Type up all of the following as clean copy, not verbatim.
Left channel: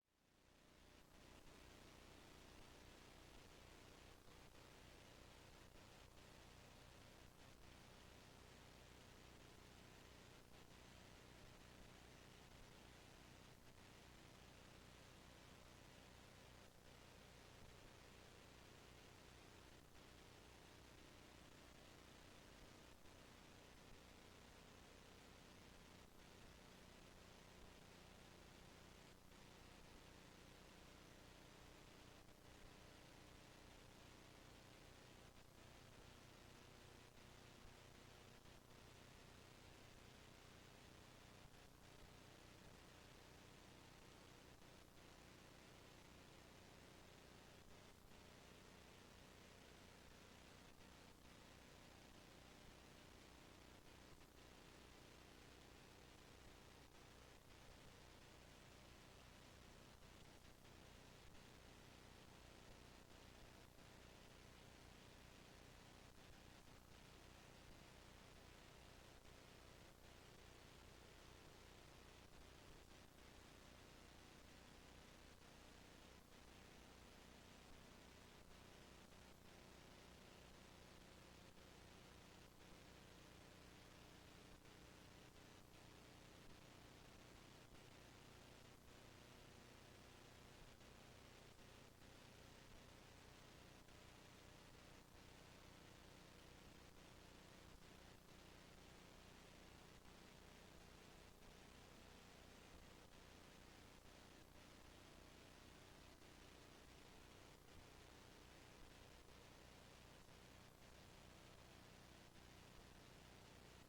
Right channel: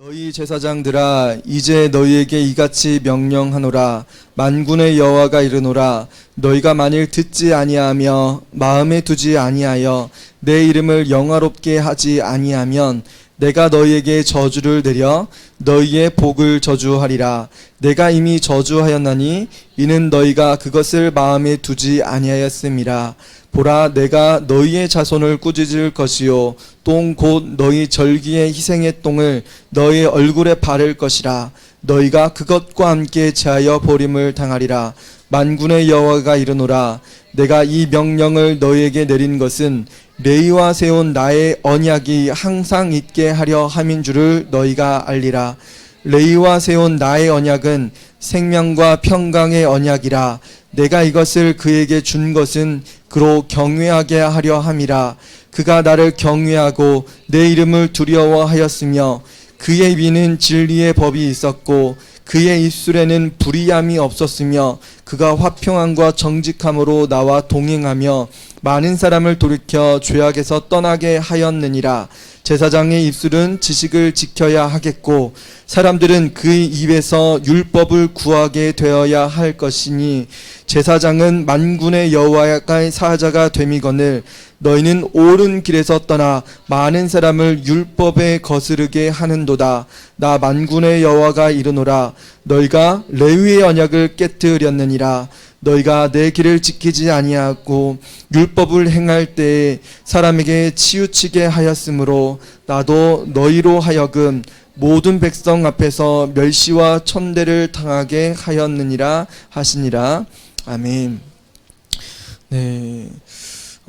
너희 제사장들아, 이제 너희에게 이같이 명령하노라. 만군의 여호와가 이르노라. 너희가 만일 듣지 아니하며 마음에 두지 아니하여 내 이름을 영화롭게 하지 아니하면 내가 너희에게 저주를 내려 너희의 복을 저주하리라. 내가 이미 저주하였나니 이는 너희가 그것을 마음에 두지 아니하였음이라. 보라, 내가 너희의 자손을 꾸짖을 것이요 똥 곧 너희 절기의 희생의 똥을 너희 얼굴에 바를 것이라. 너희가 그것과 함께 제하여 버림을 당하리라. 만군의 여호와가 이르노라. 내가 이 명령을 너희에게 내린 것은 레위와 세운 나의 언약이 항상 있게 하려 함인 줄을 너희가 알리라. 레위와 세운 나의 언약은 생명과 평강의 언약이라. 내가 이것을 그에게 준 것은 그로 경외하게 하려 함이라. 그가 나를 경외하고 내 이름을 두려워하였으며 그의 입에는 진리의 법이 있었고 그의 입술에는 불의함이 없었으며 그가 화평함과 정직함으로 나와 동행하며 많은 사람을 돌이켜 죄악에서 떠나게 하였느니라. 제사장의 입술은 지식을 지켜야 하겠고 사람들은 그의 입에서 율법을 구하게 되어야 할 것이니 제사장은 만군의 여호와의 사자가 됨이거늘 너희는 옳은 길에서 떠나 많은 사람을 율법에 거스르게 하는도다. 나 만군의 여호와가 이르노라. 너희가 레위의 언약을 깨뜨렸느니라. 너희가 내 길을 지키지 아니하고 율법을 행할 때에 사람에게 치우치게 하였으므로 나도 너희로 하여금 모든 백성 앞에서 멸시와 천대를 당하게 하였느니라 하시니라. 아멘. 네.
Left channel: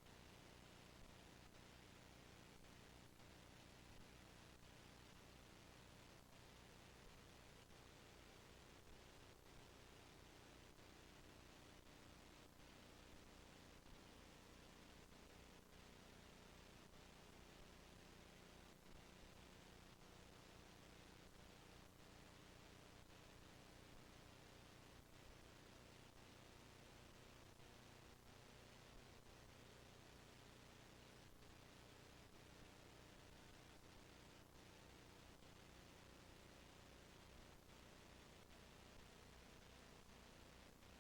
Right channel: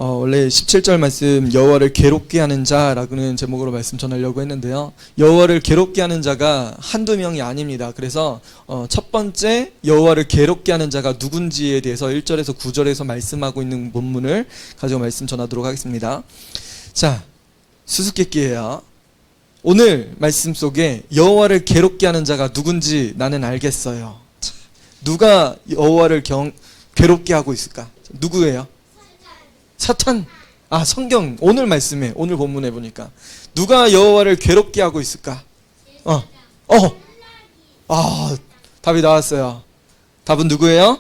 원래 17절 말씀 여호와를 괴롭게 하는 자라는 제목으로 말씀 전하려고 했는데요. 여호와를 괴롭게 하는 자가 한두 명이 아닙니다. 그래서 첫 번째 여호와를 괴롭게 하는 자가 누군지에 대해서 1절에서 9절에서 말씀하고 있는 본문을 가지고 말씀 전하도록 하겠습니다. 자, 수수께끼예요. 오늘 말씀 속에 여호와를 괴롭게 하는 자가 누군지 나는 알겠어요. 자, 누가 여호와를 괴롭게 하고 있을까? 누구예요? 사탄. 성경 오늘 말씀에 오늘 본문에 보니까 누가 여호와를 괴롭게 하고 있을까? 답이 나왔어요. 답은 누구예요?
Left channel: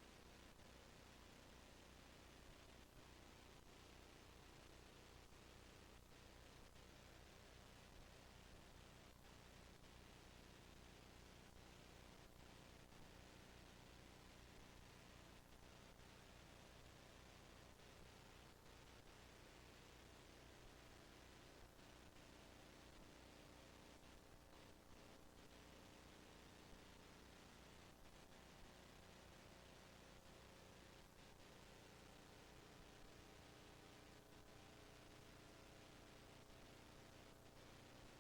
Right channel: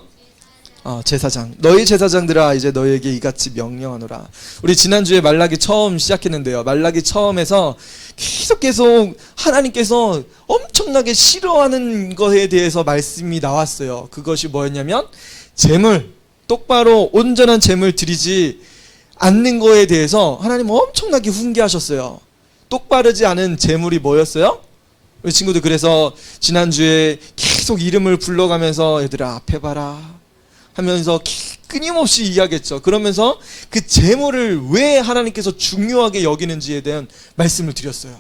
제사장. 너희 제사장들아, 이제 너희에게 이같이 명령하노라. 우리 지난주에 말라기 처음 시작했는데요. 말라기 처음에서 계속 하나님께서 엄청나게 싫어하는 것에 대해서 말씀이 나왔어요. 그것이 뭐였냐면 제물, 똑바로 온전한 제물 드리지 않는 거에 대해서 하나님 엄청나게 훈계하셨어요. 똑바르지 않은 제물이 뭐였어요? 우리 친구들 그래서 지난주에 계속 이름을 불러가면서 얘들아 앞에 봐라 하면서 끊임없이 이야기했죠. 그러면서 그 제물을 왜 하나님께서 중요하게 여기는지에 대한 말씀을 드렸어요.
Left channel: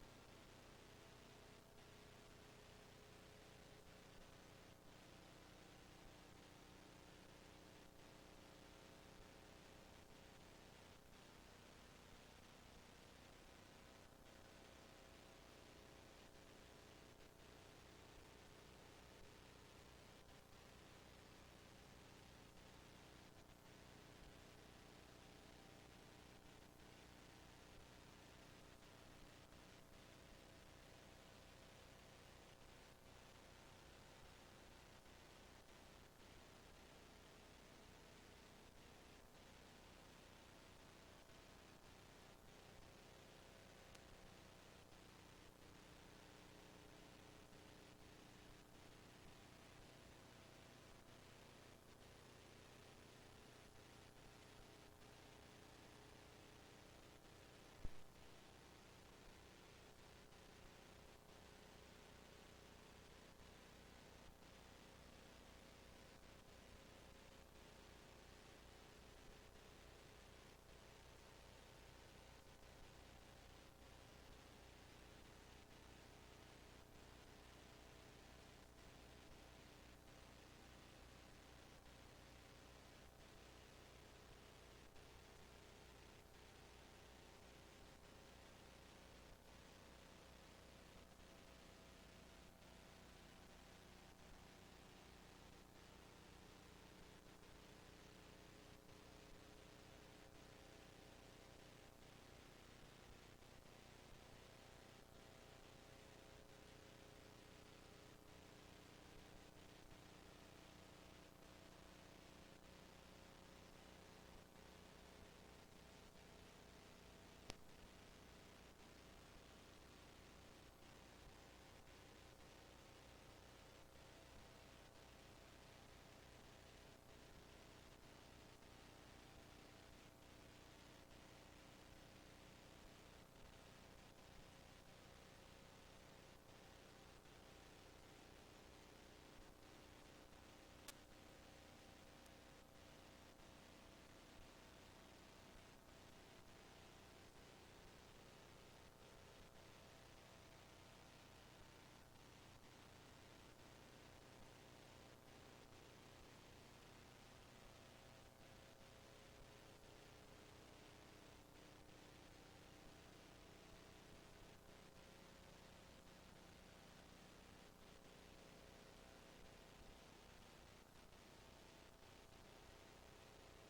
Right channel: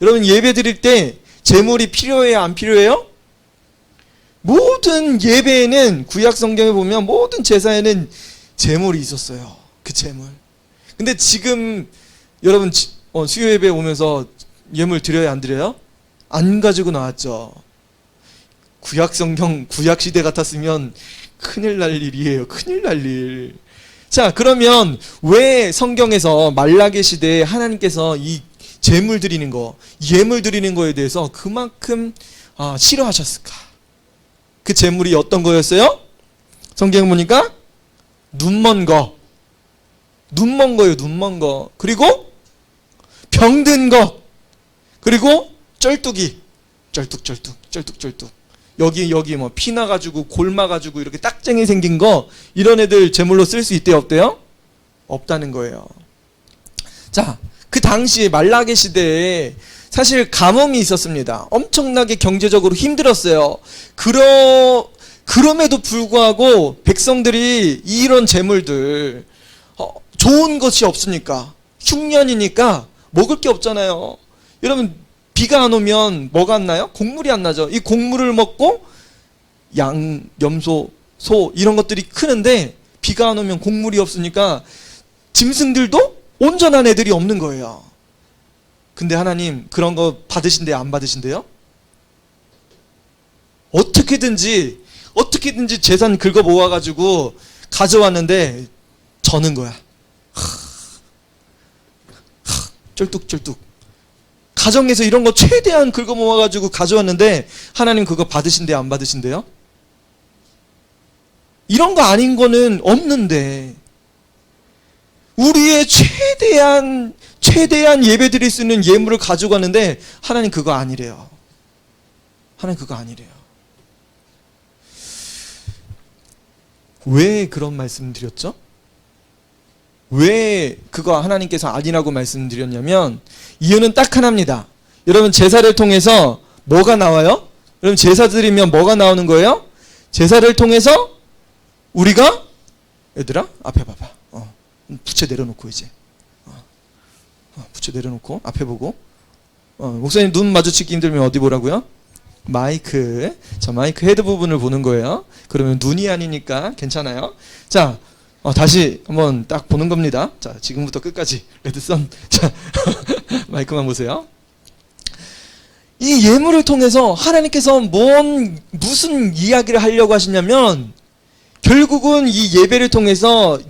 여러분 예배 드릴 때 제물이 필요해요? 안 필요해요? 모든 예배에는 구약 성경에 보면 모든 제사에는 제물이 있었어요. 그 제물. 근데 지금 여러분 수요 예배 오면서 예물 드려요? 안 드려요? 안 가지고 나왔죠. 구약 성경 구약 시대 같았으면 큰일 날 일이에요. 큰일 날 일. 자, 그러면 왜 성경에서 말라기 시대에 하나님께서 이 제물 드리는 거, 예물 드리는 거에 대해서 그만큼 싫어하셨을까? 그 제물이 어떤 거였어요? 성경 보니까 눈먼 거. 눈먼 거예요. 눈먼 거. 그리고 병든 거. 그리고 쩔뚝이. 쩔뚝. 여기 뭐 피나가지고 골마가지고 이렇게 딱쟁이 생긴 거, 이런 애들 제물로 쓸 수 있대요? 없대요? 없다는 거예요. 자, 그 당시에 말라기 시대에 사실 가뭄이 있었습니다. 엄청나게 경제적으로 힘들었어요. 그럼에도 불구하고 백성들이 이런 제물들, 좋은 것이 없으니까, 흉년이니까 먹을 게 없잖아요. 여러분 비가 안 오면 뭐가 안 나요? 곡물이 안 나죠. 이 곡물을 먹고 양, 염소, 소 이런 것들이 크는데 비가 안 오면 곡물이 없으니까 짐승들도 온전한 애들이 없는 거예요. 근데 하나님 그런 거 받으신대요? 안 받으신대요? 어떻게든지 재산 긁어 모아가지고 가져왔는데 저는 거야. 쩔뚝 가정에서 이런 거 최대한 긁어 모아가지고 가져왔는데 하나님 그거 받으신대요, 안 받으신대요? 이런 거 아닌 거는 없는데 우리의 최대한 예배 드릴 수 있는 예물을 가져가는데 하나님 그거 아니래요. 하나님 그거 아니래요. 왜 그런 말씀 드렸죠? 왜 그거 하나님께서 아니라고 말씀드렸냐면 이유는 딱 하나입니다. 여러분 제사를 통해서 뭐가 나와요? 여러분 제사 드리면 뭐가 나오는 거예요? 제사를 통해서 우리가 얘들아 앞에 봐봐. 부채 내려놓고 이제 부채 내려놓고 앞에 보고 목사님 눈 마주치기 힘들면 어디 보라고요? 마이크. 자, 마이크 헤드 부분을 보는 거예요. 그러면 눈이 아니니까 괜찮아요. 자, 다시 한번 딱 보는 겁니다. 자, 지금부터 끝까지 레드선. 자, 마이크만 보세요. 이 예물을 통해서 하나님께서 무슨 이야기를 하려고 하시냐면 결국은 이 예배를 통해서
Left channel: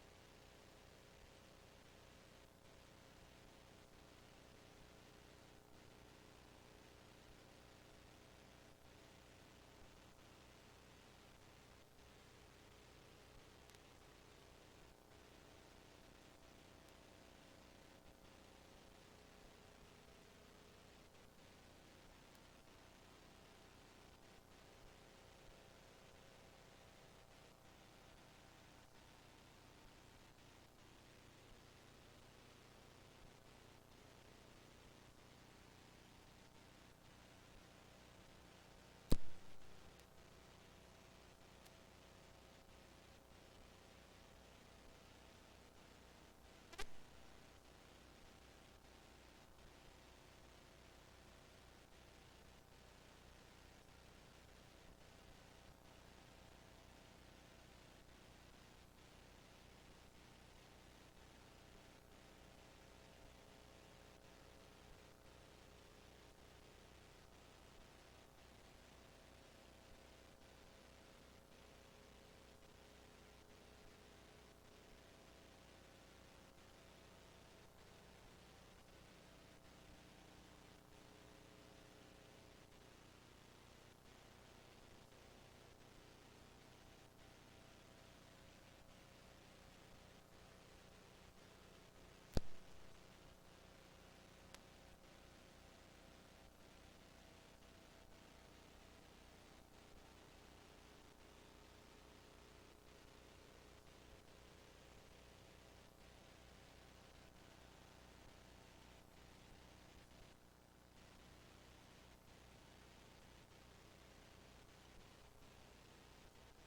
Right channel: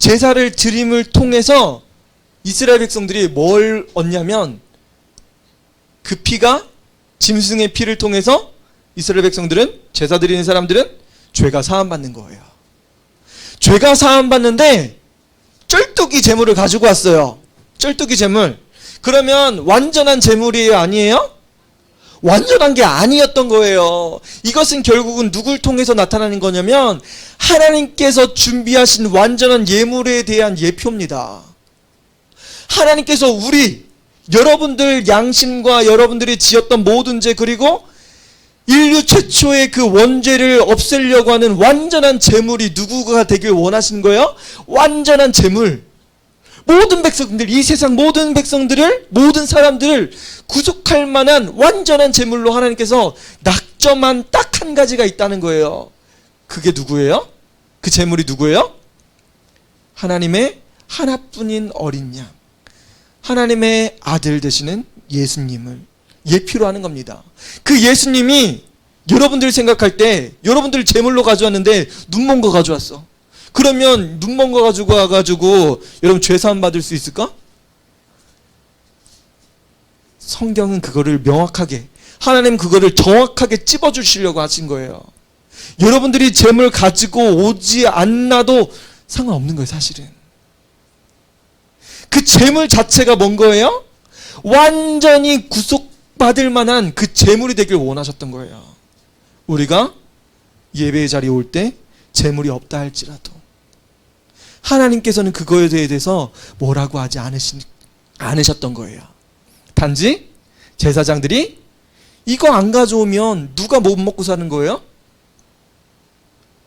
제사를 드림을 통해서 이스라엘 백성들이 뭘 얻냐면 그 피가 짐승의 피를 통해서 이스라엘 백성들은 제사 드리는 사람들은 죄가 사함받는 거예요. 죄가 사함받는데 쩔뚝이 제물을 가지고 왔어요. 쩔뚝이 제물. 그러면 완전한 제물이에요? 아니에요? 완전한 게 아니었던 거예요. 이것은 결국은 누굴 통해서 나타나는 거냐면 하나님께서 준비하신 완전한 예물에 대한 예표입니다. 하나님께서 여러분들 양심과 여러분들이 지었던 모든 죄 그리고 인류 최초의 그 원죄를 없애려고 하는 완전한 제물이 누구가 되길 원하신 거예요? 완전한 제물. 모든 백성들, 이 세상 모든 백성들을, 모든 사람들을 구속할 만한 완전한 제물로 하나님께서 낙점한 딱 한 가지가 있다는 거예요. 그게 누구예요? 그 제물이 누구예요? 하나님의 하나뿐인 어린 양, 하나님의 아들 되시는 예수님을 예표로 하는 겁니다. 그 예수님이 여러분들 생각할 때 여러분들 제물로 가져왔는데 눈먼 거 가져왔어. 그러면 눈먼 거 가지고 와가지고 여러분 죄사함 받을 수 있을까? 성경은 그거를 명확하게, 하나님 그거를 정확하게 찝어주시려고 하신 거예요. 여러분들이 제물 가지고 오지 않나도 상관없는 거예요, 사실은. 그 제물 자체가 뭔 거예요? 완전히 구속받을 만한 그 제물이 되길 원하셨던 거예요. 우리가 예배의 자리에 올 때 제물이 없다 할지라도 하나님께서는 그거에 대해서 뭐라고 하지 않으셨던 거예요. 단지 제사장들이 이거 안 가져오면 누가 못 먹고 사는 거예요?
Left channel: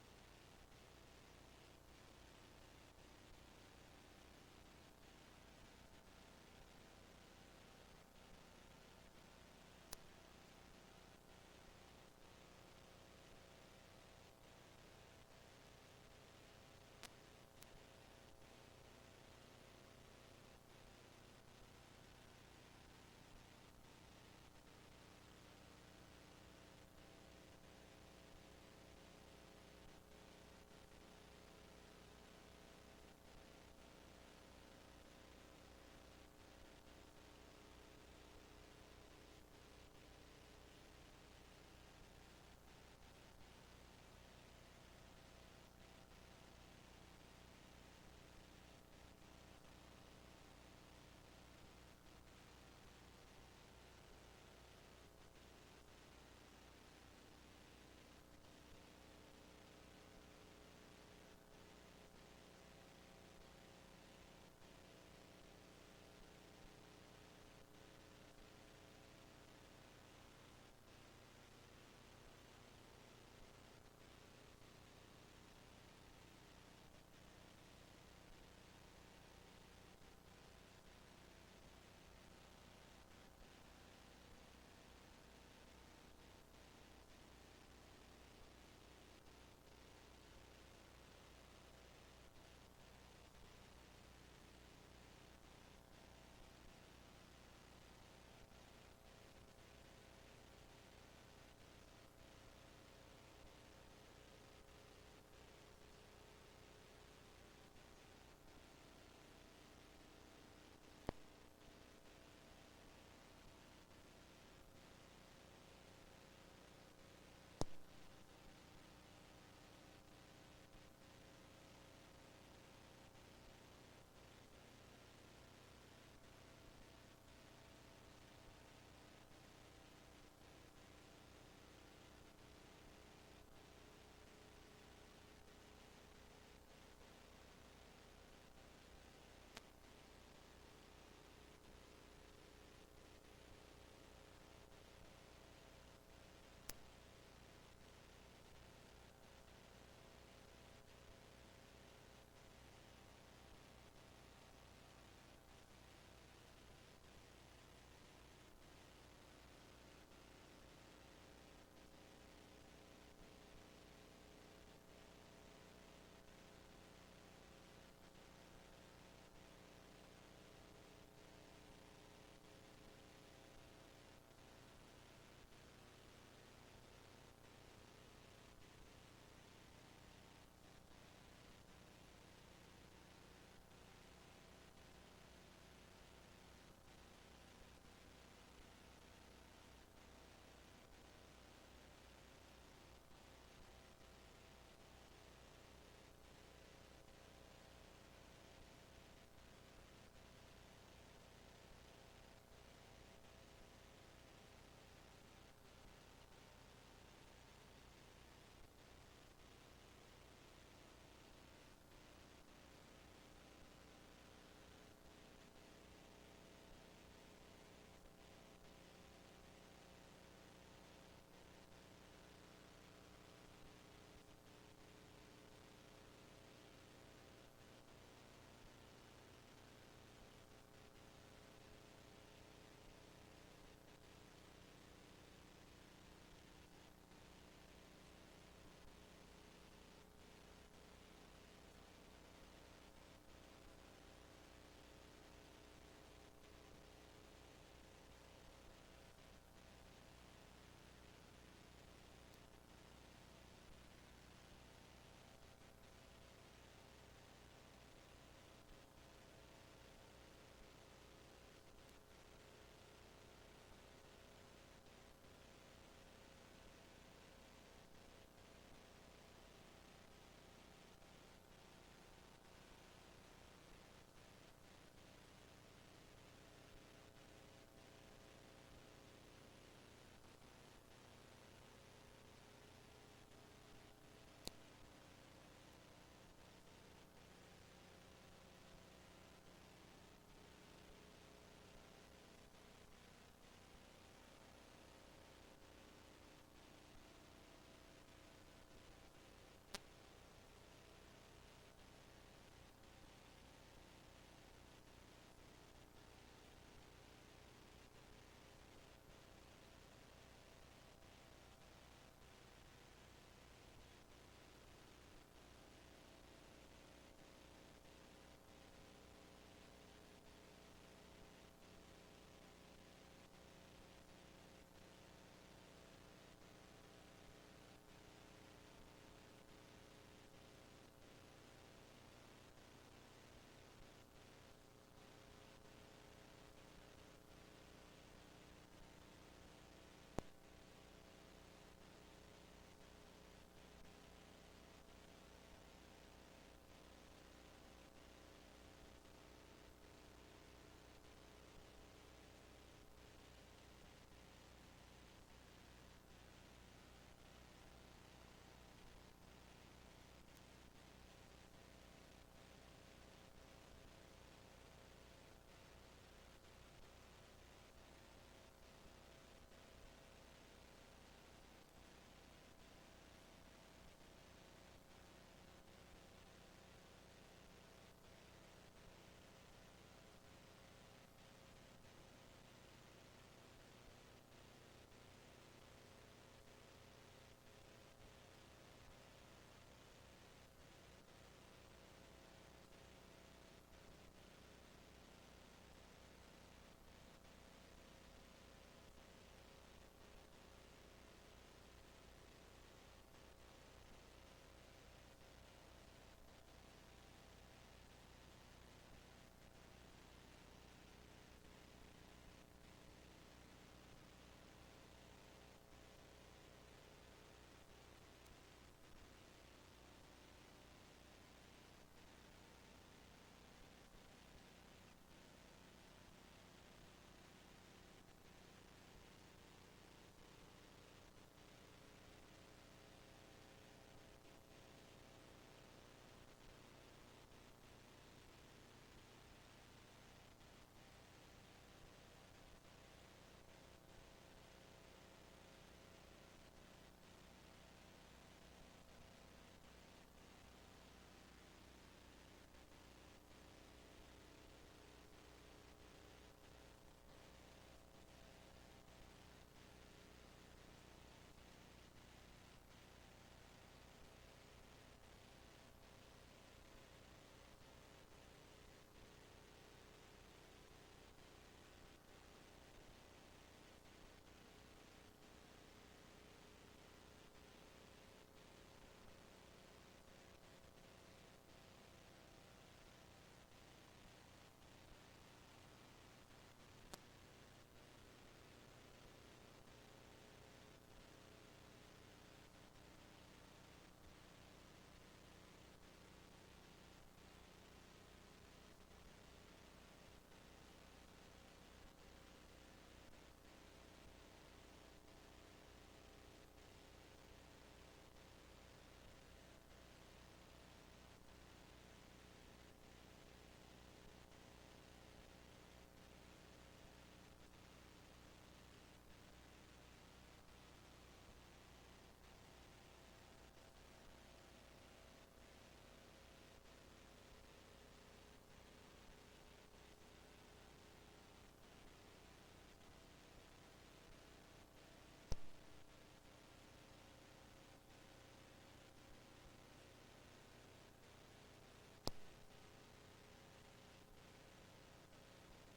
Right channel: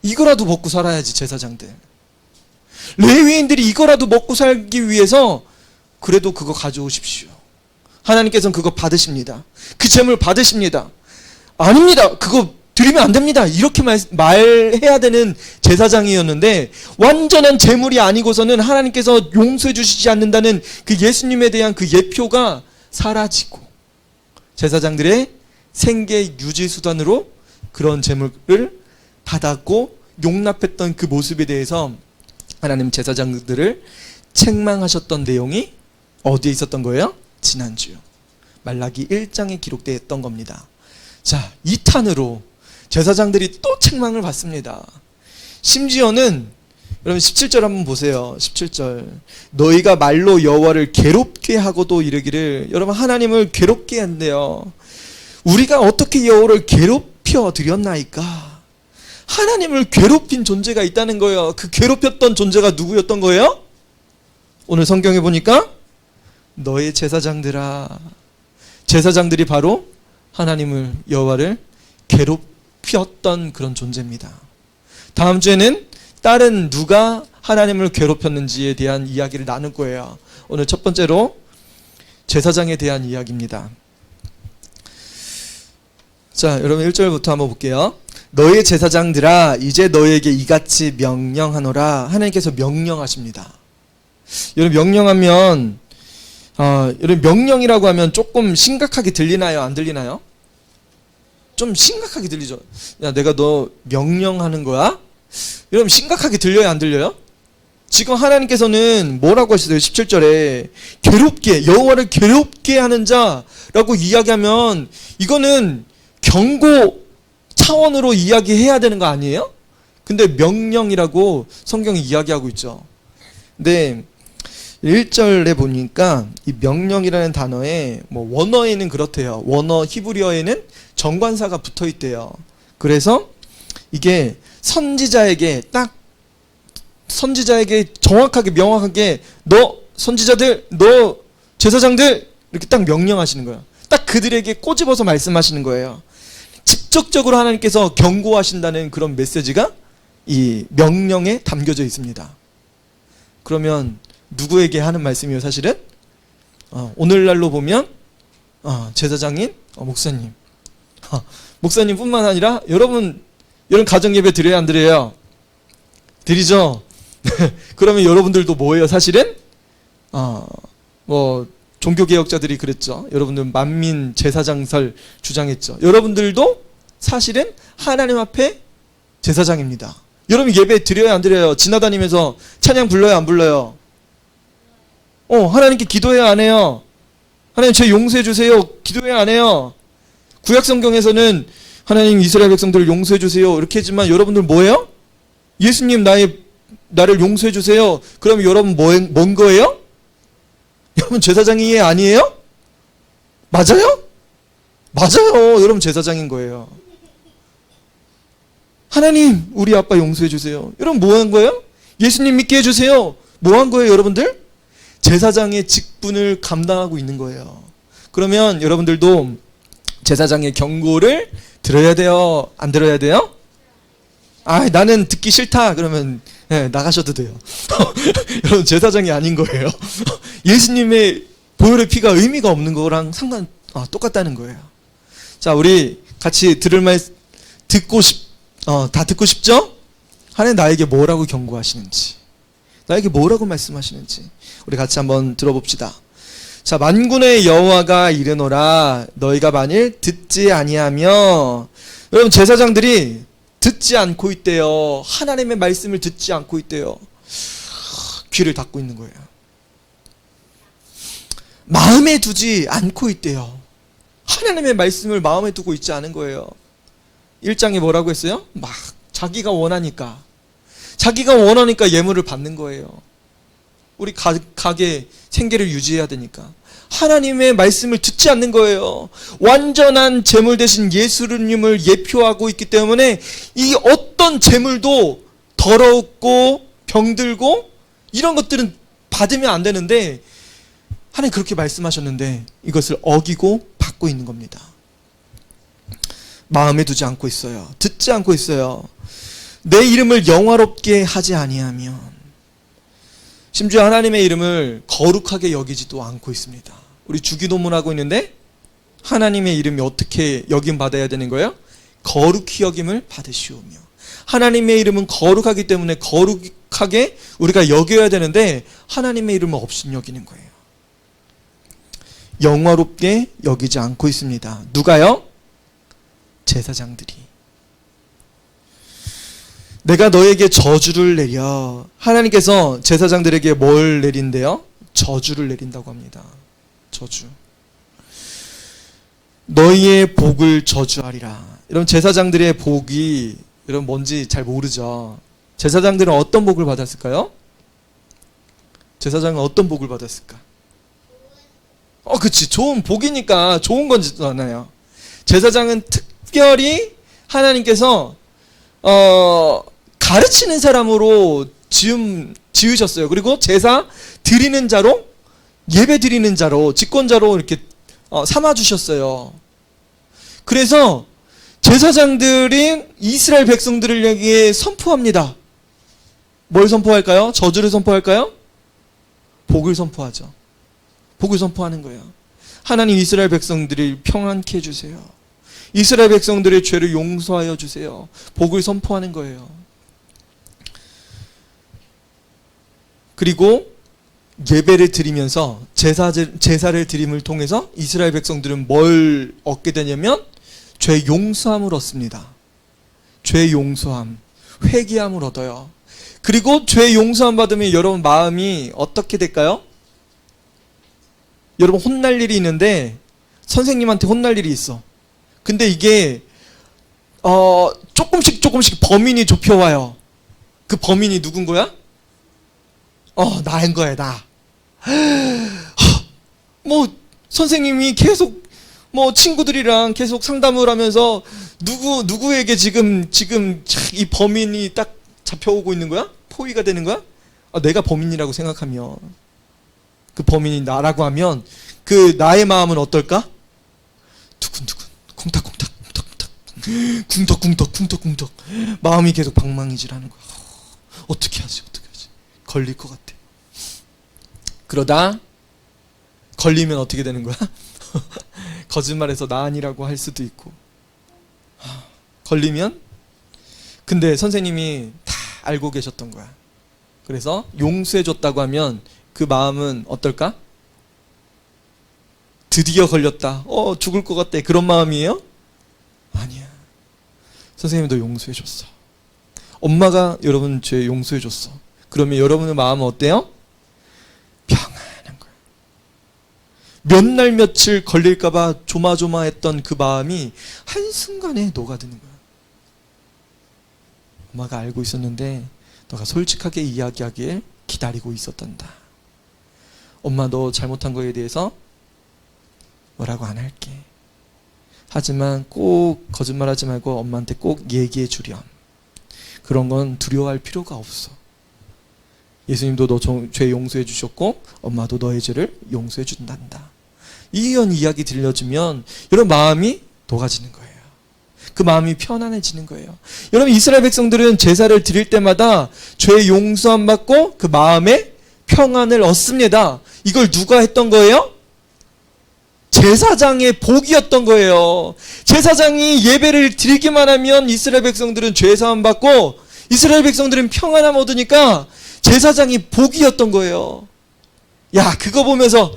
이거라도 먹고 살아야지 제사장들. 레위인들이 이거라도 먹고 살기 위해서 그래도 그거 가져오십시오. 하나님께서는 그거 받으십니다. 그 제물 받으십니다. 아닙니다. 그거 드리면 안 됩니다. 이렇게 말해야 되는 제사장이었는데 완전한 제물이 아니고서는 하나님께서 용서해 주시지 않는다는 그 예수님에 대한 그 예표가 사라지고 제사장들의 생계 유지 수단으로 그런 제물을 받았고 용납했던 그 모습에 대해서 하나님 제사장들을 책망하셨던 내용이 어디에 있었던 거예요? 지난주 말라기 1장에 기록되어 있던 겁니다. 자, 2탄으로 제사장들이 또 책망을 받습니다. 심지어는 여러분 17절 한번 보세요. 17절 너희가 말로 여호와를 괴롭게 하고도 이르기를, 여러분 하나님을 괴롭게 한대요. 우리가 어떻게 여호와를 괴롭혀 드렸나이까? 하나님을 괴롭힌 존재가 있다는 거예요. 그 괴롭혔던 존재가 누구였던 거예요? 오늘 성경에 보니까 너의 제사장들아, 제사장들이 바로 하나님을, 여호와를 괴롭혔던 그런 존재입니다. 다음 주에는 다른 누가 하나님을 괴롭혔는지에 대한 이야기를 나눌 거예요. 오늘 첫 번째로 제사장에 대한 이야기입니다. 자, 여러분 1절부터 한번 볼게요. 너의 제사장들아 이제 너에게 이같이 명령하노라. 하나님께서 명령하십니다. 여러분 명령하면 여러분 명령이라고 하면 조금 심각하게 들리나요? 안 들리나요? 좀 심각하게 들리죠. 야, 내가 너 명령하는 거야? 여러분 심각하게 들려요? 안 들려요? 지금 하나님께서는 뭐라고 하시어요? 17절에 괴롭게, 여호와를 괴롭게 하는 자라고 이야기하면 이거는 경고 차원으로 이야기해야 되는 거 아니에요? 근데 명령이라고 성경이 이야기하고 있죠. 근데 1절에 보니까 이 명령이라는 단어에 뭐 원어에는 그렇대요. 원어 히브리어에는 정관사가 붙어 있대요. 그래서 이게 선지자에게 정확하게 명확하게 너 선지자들, 너 제사장들 이렇게 딱 명령하시는 거예요. 딱 그들에게 꼬집어서 말씀하시는 거예요. 직접적으로 하나님께서 경고하신다는 그런 메시지가 이 명령에 담겨져 있습니다. 그러면 누구에게 하는 말씀이에요? 사실은 오늘날로 보면 제사장인 목사님, 목사님뿐만 아니라 여러분 가정 예배 드려야 안 드려요? 드리죠. 그러면 여러분들도 뭐예요? 사실은 뭐 종교개혁자들이 그랬죠. 여러분들 만민 제사장설 주장했죠. 여러분들도 사실은 하나님 앞에 제사장입니다. 여러분 예배 드려야 안 드려요? 지나다니면서 찬양 불러요 안 불러요? 하나님께 기도해야 안 해요? 하나님 죄 용서해 주세요. 기도해야 안 해요? 구약 성경에서는 하나님 이스라엘 백성들을 용서해 주세요 이렇게 했지만 여러분들 뭐예요? 예수님 나를 용서해 주세요. 그럼 여러분 뭔 거예요? 여러분 제사장이 아니에요? 맞아요? 맞아요. 여러분 제사장인 거예요. 하나님 우리 아빠 용서해 주세요. 여러분 뭐 한 거예요? 예수님 믿게 해주세요. 뭐 한 거예요 여러분들? 제사장의 직분을 감당하고 있는 거예요. 그러면 여러분들도 제사장의 경고를 들어야 돼요? 안 들어야 돼요? 나는 듣기 싫다 그러면 나가셔도 돼요. 여러분 제사장이 아닌 거예요. 예수님의 보혈의 피가 의미가 없는 거랑 똑같다는 거예요. 자, 우리 같이 들을 말 다 듣고 싶죠? 하나님 나에게 뭐라고 경고하시는지, 나에게 뭐라고 말씀하시는지 우리 같이 한번 들어봅시다. 자, 만군의 여호와가 이르노라 너희가 만일 듣지 아니하며, 여러분 제사장들이 듣지 않고 있대요. 하나님의 말씀을 듣지 않고 있대요. 귀를 닫고 있는 거예요. 마음에 두지 않고 있대요. 하나님의 말씀을 마음에 두고 있지 않은 거예요. 1장에 뭐라고 했어요? 막 자기가 원하니까 예물을 받는 거예요. 우리 가게 생계를 유지해야 되니까. 하나님의 말씀을 듣지 않는 거예요. 완전한 제물 대신 예수님을 예표하고 있기 때문에 이 어떤 제물도 더럽고 병들고 이런 것들은 받으면 안 되는데 하나님 그렇게 말씀하셨는데 이것을 어기고 받고 있는 겁니다. 마음에 두지 않고 있어요. 듣지 않고 있어요. 내 이름을 영화롭게 하지 아니하면, 심지어 하나님의 이름을 거룩하게 여기지도 않고 있습니다. 우리 주기도문하고 있는데 하나님의 이름이 어떻게 여김 받아야 되는 거예요? 거룩히 여김을 받으시오며. 하나님의 이름은 거룩하기 때문에 거룩하게 우리가 여겨야 되는데 하나님의 이름을 없인 여기는 거예요. 영화롭게 여기지 않고 있습니다. 누가요? 제사장들이. 내가 너에게 저주를 내려. 하나님께서 제사장들에게 뭘 내린대요? 저주를 내린다고 합니다. 저주. 너희의 복을 저주하리라. 여러분 제사장들의 복이 여러분 뭔지 잘 모르죠. 제사장들은 어떤 복을 받았을까요? 제사장은 어떤 복을 받았을까? 그치, 좋은 복이니까 좋은 건지잖아요. 제사장은 특별히 하나님께서 가르치는 사람으로 지으셨어요. 그리고 제사 드리는 자로, 예배 드리는 자로, 직권자로 이렇게 삼아주셨어요. 그래서 제사장들이 이스라엘 백성들을 향해 선포합니다. 뭘 선포할까요? 저주를 선포할까요? 복을 선포하죠. 복을 선포하는 거예요. 하나님 이스라엘 백성들을 평안케 해주세요. 이스라엘 백성들의 죄를 용서하여 주세요. 복을 선포하는 거예요. 그리고 예배를 드리면서 제사를 드림을 통해서 이스라엘 백성들은 뭘 얻게 되냐면 죄 용서함을 얻습니다. 죄 용서함, 회개함을 얻어요. 그리고 죄 용서함 받으면 여러분 마음이 어떻게 될까요? 여러분 혼날 일이 있는데 선생님한테 혼날 일이 있어. 근데 이게 조금씩 범인이 좁혀와요. 그 범인이 누군 거야? 나인 거야, 나. 뭐 선생님이 계속 뭐 친구들이랑 계속 상담을 하면서 누구에게 지금 이 범인이 딱 잡혀오고 있는 거야? 포위가 되는 거야? 내가 범인이라고 생각하면, 그 범인이 나라고 하면 그 나의 마음은 어떨까? 두근두근, 콩닥콩닥, 쿵덕쿵덕 마음이 계속 방망이질하는 거야. 어떻게 하지? 걸릴 것 같아. 그러다 걸리면 어떻게 되는 거야? 거짓말해서 나 아니라고 할 수도 있고. 걸리면, 근데 선생님이 다 알고 계셨던 거야. 그래서 용서해 줬다고 하면 그 마음은 어떨까? 드디어 걸렸다. 죽을 것 같대. 그런 마음이에요? 아니야. 선생님도 용서해 줬어. 엄마가 여러분 죄 용서해 줬어. 그러면 여러분의 마음은 어때요? 평안한 거야. 몇 날 며칠 걸릴까봐 조마조마했던 그 마음이 한순간에 녹아드는 거야. 엄마가 알고 있었는데 너가 솔직하게 이야기하길 기다리고 있었단다. 엄마, 너 잘못한 거에 대해서 뭐라고 안 할게. 하지만 꼭 거짓말하지 말고 엄마한테 꼭 얘기해 주렴. 그런 건 두려워할 필요가 없어. 예수님도 너 죄 용서해 주셨고 엄마도 너의 죄를 용서해 준단다. 이런 이야기 들려주면 여러분 마음이 녹아지는 거예요. 그 마음이 편안해지는 거예요. 여러분, 이스라엘 백성들은 제사를 드릴 때마다 죄 용서함 받고 그 마음에 평안을 얻습니다. 이걸 누가 했던 거예요? 제사장의 복이었던 거예요. 제사장이 예배를 드리기만 하면 이스라엘 백성들은 죄 사함 받고 이스라엘 백성들은 평안함 얻으니까 제사장이 복이었던 거예요. 야, 그거 보면서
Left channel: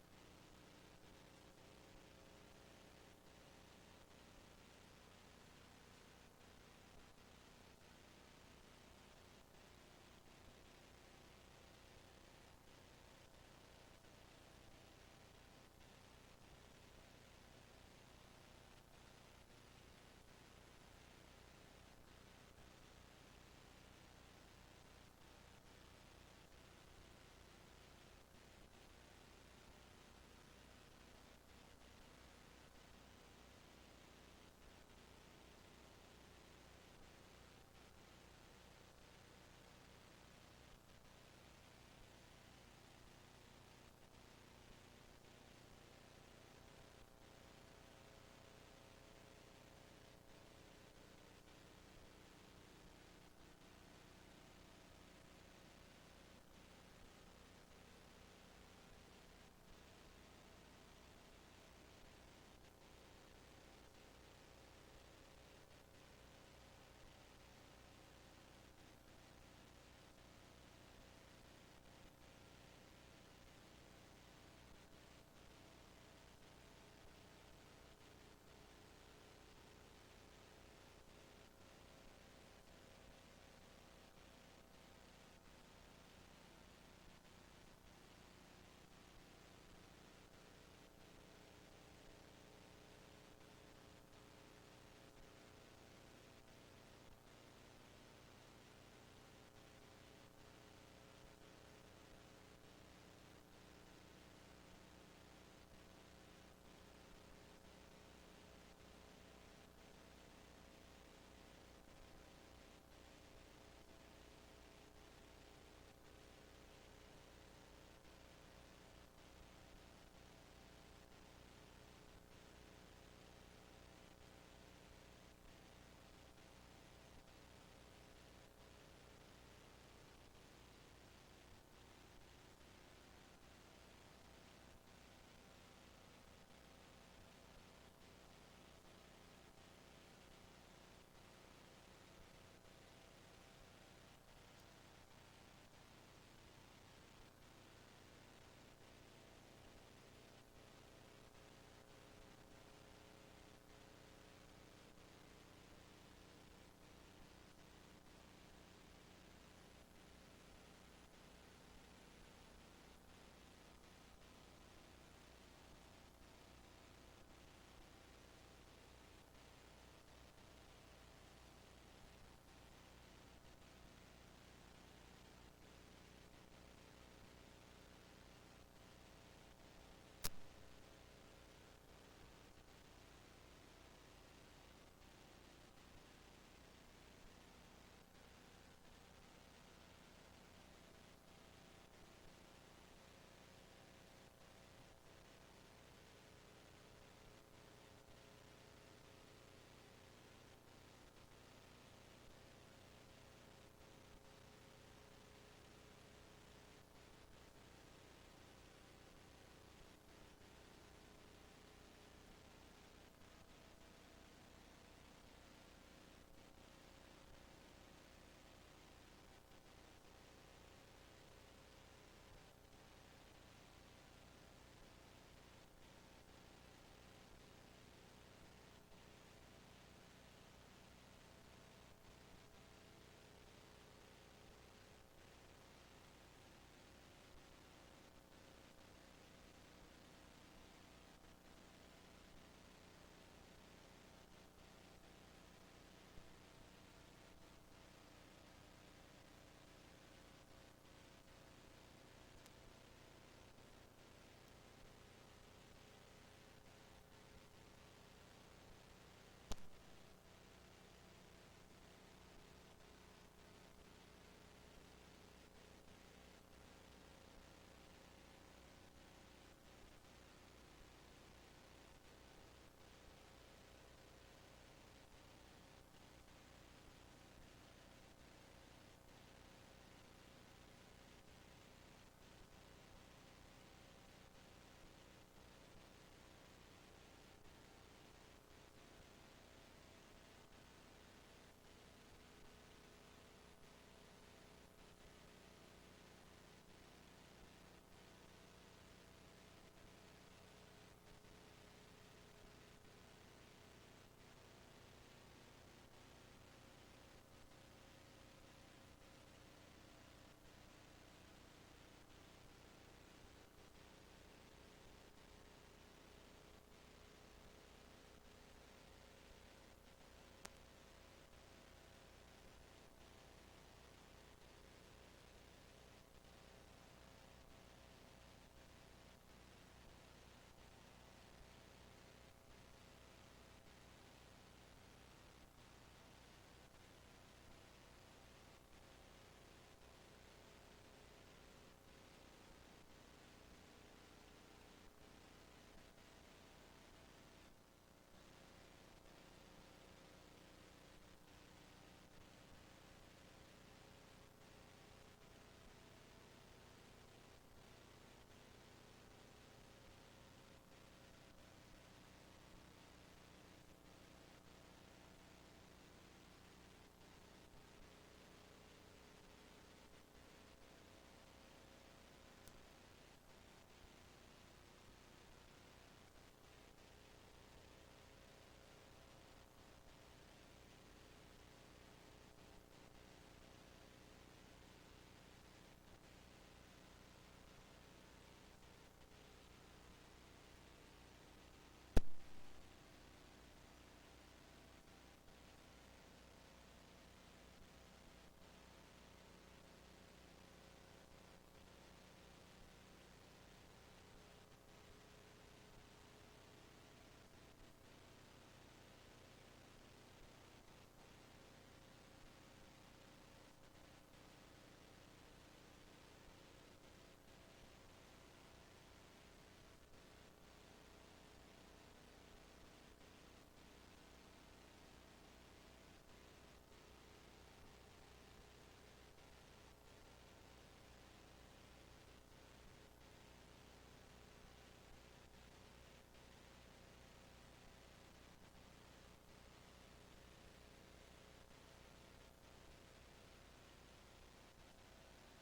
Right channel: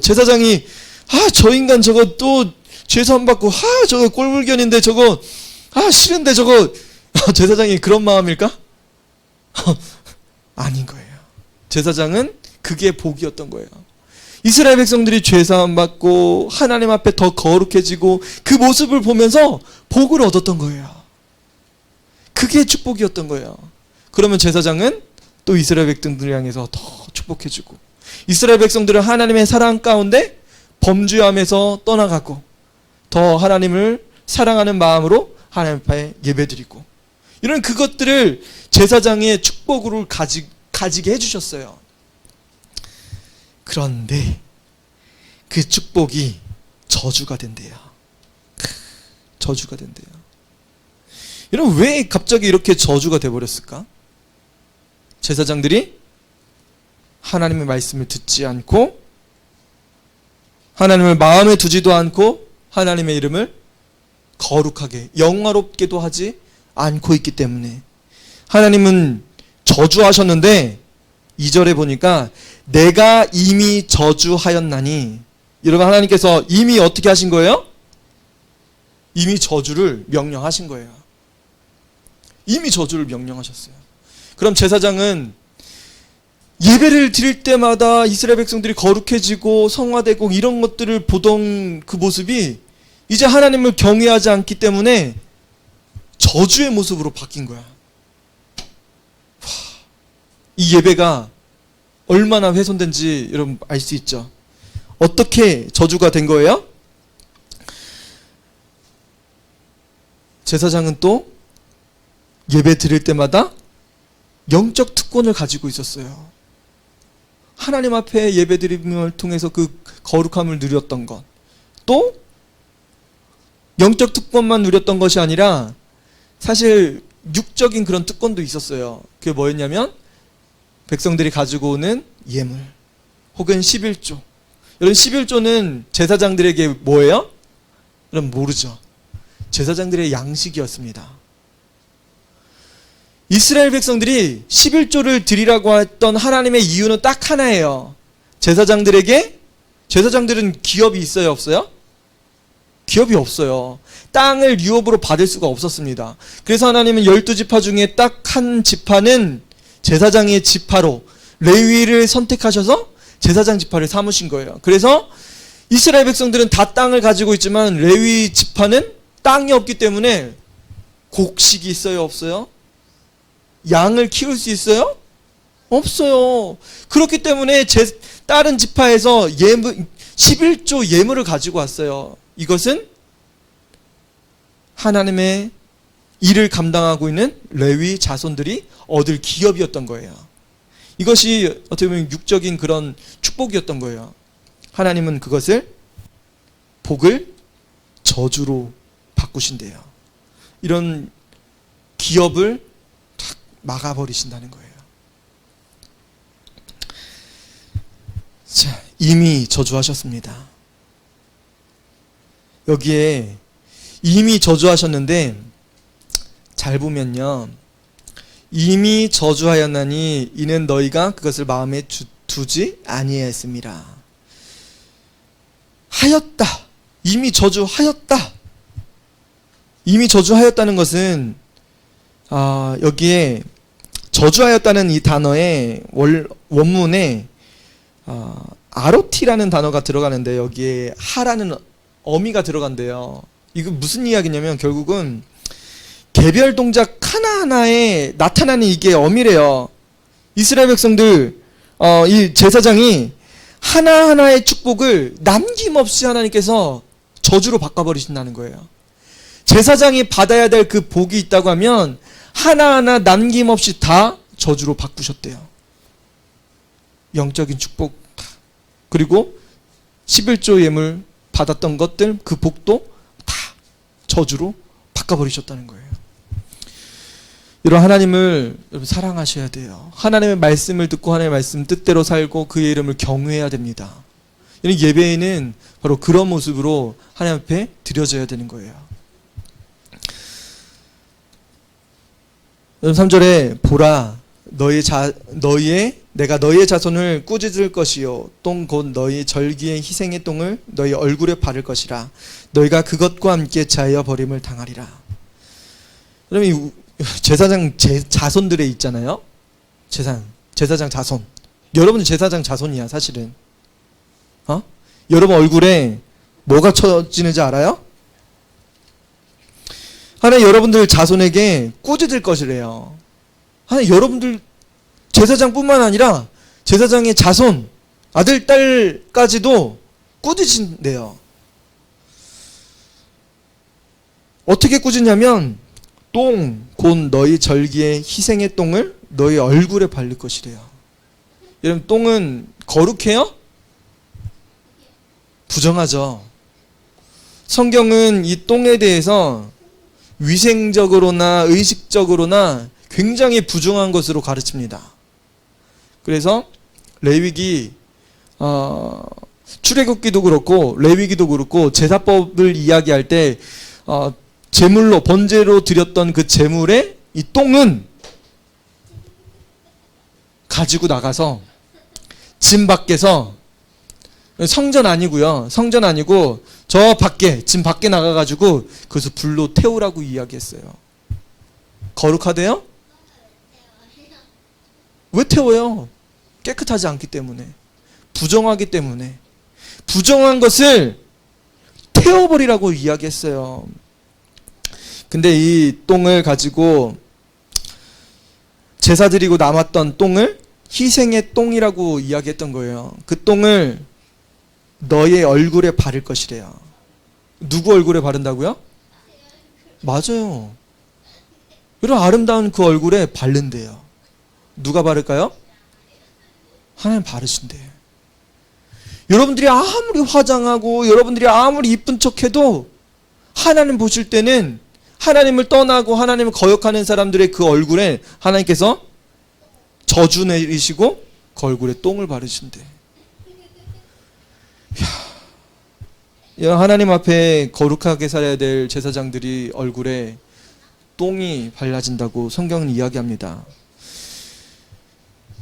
제사장이 저 인간 저거 또 죄 사함 받고 저거 꼴불견인데 저거 싫은데 저거 제사장이 그런 마음일까? 아닌 거예요. 제사장은 그게 복이었던 거예요. 이스라엘 백성들이 죄사함 받고 하나님 앞에 더 거룩해지고 그 모습을 보면서 복을 얻었던 거예요. 그게 축복이었던 거예요. 그러면 제사장은 또 이스라엘 백성들을 향해서 더 축복해주고, 이스라엘 백성들은 하나님의 사랑 가운데 범죄함에서 떠나가고 더 하나님을 사랑하는 마음으로 하나님 앞에 예배드리고, 이런 그것들을 제사장의 축복으로 가지게 해주셨어요. 그런데 그 축복이 저주가 된대요. 저주가 된대요. 여러분, 왜 갑자기 이렇게 저주가 돼버렸을까? 제사장들이 하나님의 말씀을 듣지 않고 하나님을 마음에 두지도 않고 하나님의 이름을 거룩하게 영화롭게도 하지 않고 있기 때문에 하나님은 저주하셨는데 2절에 보니까 내가 이미 저주하였나니, 여러분, 하나님께서 이미 어떻게 하신 거예요? 이미 저주를 명령하신 거예요. 이미 저주를 명령하셨어요. 그럼 제사장은 예배를 드릴 때마다 이스라엘 백성들이 거룩해지고 성화되고 이런 것들을 보던 그 모습이 이제 하나님을 경외하지 않기 때문에 저주의 모습으로 바뀐 거야. 이 예배가 얼마나 훼손된지 여러분 알 수 있죠. 어떻게 저주가 된 거예요? 제사장은 또 예배 드릴 때마다 영적 특권을 가지고 있었어요. 하나님 앞에 예배 드림을 통해서 그 거룩함을 누렸던 것, 또 영적 특권만 누렸던 것이 아니라 사실 육적인 그런 특권도 있었어요. 그게 뭐였냐면 백성들이 가지고 오는 예물 혹은 11조. 여러분, 11조는 제사장들에게 뭐예요? 여러분 모르죠. 제사장들의 양식이었습니다. 이스라엘 백성들이 11조를 드리라고 했던 하나님의 이유는 딱 하나예요. 제사장들은 기업이 있어요, 없어요? 기업이 없어요. 땅을 유업으로 받을 수가 없었습니다. 그래서 하나님은 12지파 중에 딱 한 지파는 제사장의 지파로 레위를 선택하셔서 제사장 지파를 삼으신 거예요. 그래서 이스라엘 백성들은 다 땅을 가지고 있지만 레위 지파는 땅이 없기 때문에 곡식이 있어요, 없어요? 양을 키울 수 있어요? 없어요. 그렇기 때문에 다른 지파에서 11조 예물을 가지고 왔어요. 이것은 하나님의 일을 감당하고 있는 레위 자손들이 얻을 기업이었던 거예요. 이것이 어떻게 보면 육적인 그런 축복이었던 거예요. 하나님은 그것을 복을 저주로 바꾸신대요. 이런 기업을 탁 막아버리신다는 거예요. 자, 이미 저주하셨습니다. 여기에 이미 저주하셨는데 잘 보면요, 이미 저주하였나니 이는 너희가 그것을 마음에 두지 아니하였음이라. 하였다. 이미 저주하였다. 이미 저주하였다는 것은 여기에 저주하였다는 이 단어의 원문에 아로티라는 단어가 들어가는데 여기에 하라는 어미가 들어간대요. 이거 무슨 이야기냐면 결국은 개별 동작 하나하나에 나타나는 이게 어미래요. 이스라엘 백성들 이 제사장이 하나하나의 축복을 남김없이 하나님께서 저주로 바꿔버리신다는 거예요. 제사장이 받아야 될 그 복이 있다고 하면 하나하나 남김없이 다 저주로 바꾸셨대요. 영적인 축복, 그리고 11조 예물 받았던 것들, 그 복도 다 저주로 바꿔버리셨다는 거예요. 이런 하나님을 여러분 사랑하셔야 돼요. 하나님의 말씀을 듣고 하나님의 말씀 뜻대로 살고 그의 이름을 경외해야 됩니다. 이런 예배에는 바로 그런 모습으로 하나님 앞에 드려져야 되는 거예요. 3절에 보라 내가 너희의 자손을 꾸짖을 것이요 똥 곧 너희 절기의 희생의 똥을 너희 얼굴에 바를 것이라. 너희가 그것과 함께 자여 버림을 당하리라. 그러면 제사장 자손들에 있잖아요. 제사장 자손. 여러분은 제사장 자손이야 사실은. 여러분 얼굴에 뭐가 쳐지는지 알아요? 하나님 여러분들 자손에게 꾸짖을 것이래요. 하나님 여러분들 제사장뿐만 아니라 제사장의 자손, 아들, 딸까지도 꾸짖인대요. 어떻게 꾸짖냐면 똥, 곧 너희 절기의 희생의 똥을 너희 얼굴에 바를 것이래요. 여러분 똥은 거룩해요? 부정하죠. 성경은 이 똥에 대해서 위생적으로나 의식적으로나 굉장히 부정한 것으로 가르칩니다. 그래서 레위기 출애굽기도 그렇고 레위기도 그렇고 제사법을 이야기할 때 제물로 번제로 드렸던 그 제물의 이 똥은 가지고 나가서 진 밖에서, 성전 아니고요, 성전 아니고 저 밖에 진 밖에 나가가지고 그것을 불로 태우라고 이야기했어요. 거룩하대요? 왜 태워요? 깨끗하지 않기 때문에, 부정하기 때문에. 부정한 것을 태워버리라고 이야기했어요. 근데 이 똥을 가지고 제사 드리고 남았던 똥을 희생의 똥이라고 이야기했던 거예요. 그 똥을 너의 얼굴에 바를 것이래요. 누구 얼굴에 바른다고요? 맞아요. 이런 아름다운 그 얼굴에 바른대요. 누가 바를까요? 하나님 바르신대요. 여러분들이 아무리 화장하고 여러분들이 아무리 이쁜 척해도 하나님 보실 때는 하나님을 떠나고 하나님을 거역하는 사람들의 그 얼굴에 하나님께서 저주 내리시고 그 얼굴에 똥을 바르신대. 하나님 앞에 거룩하게 살아야 될 제사장들이 얼굴에 똥이 발라진다고 성경은 이야기합니다.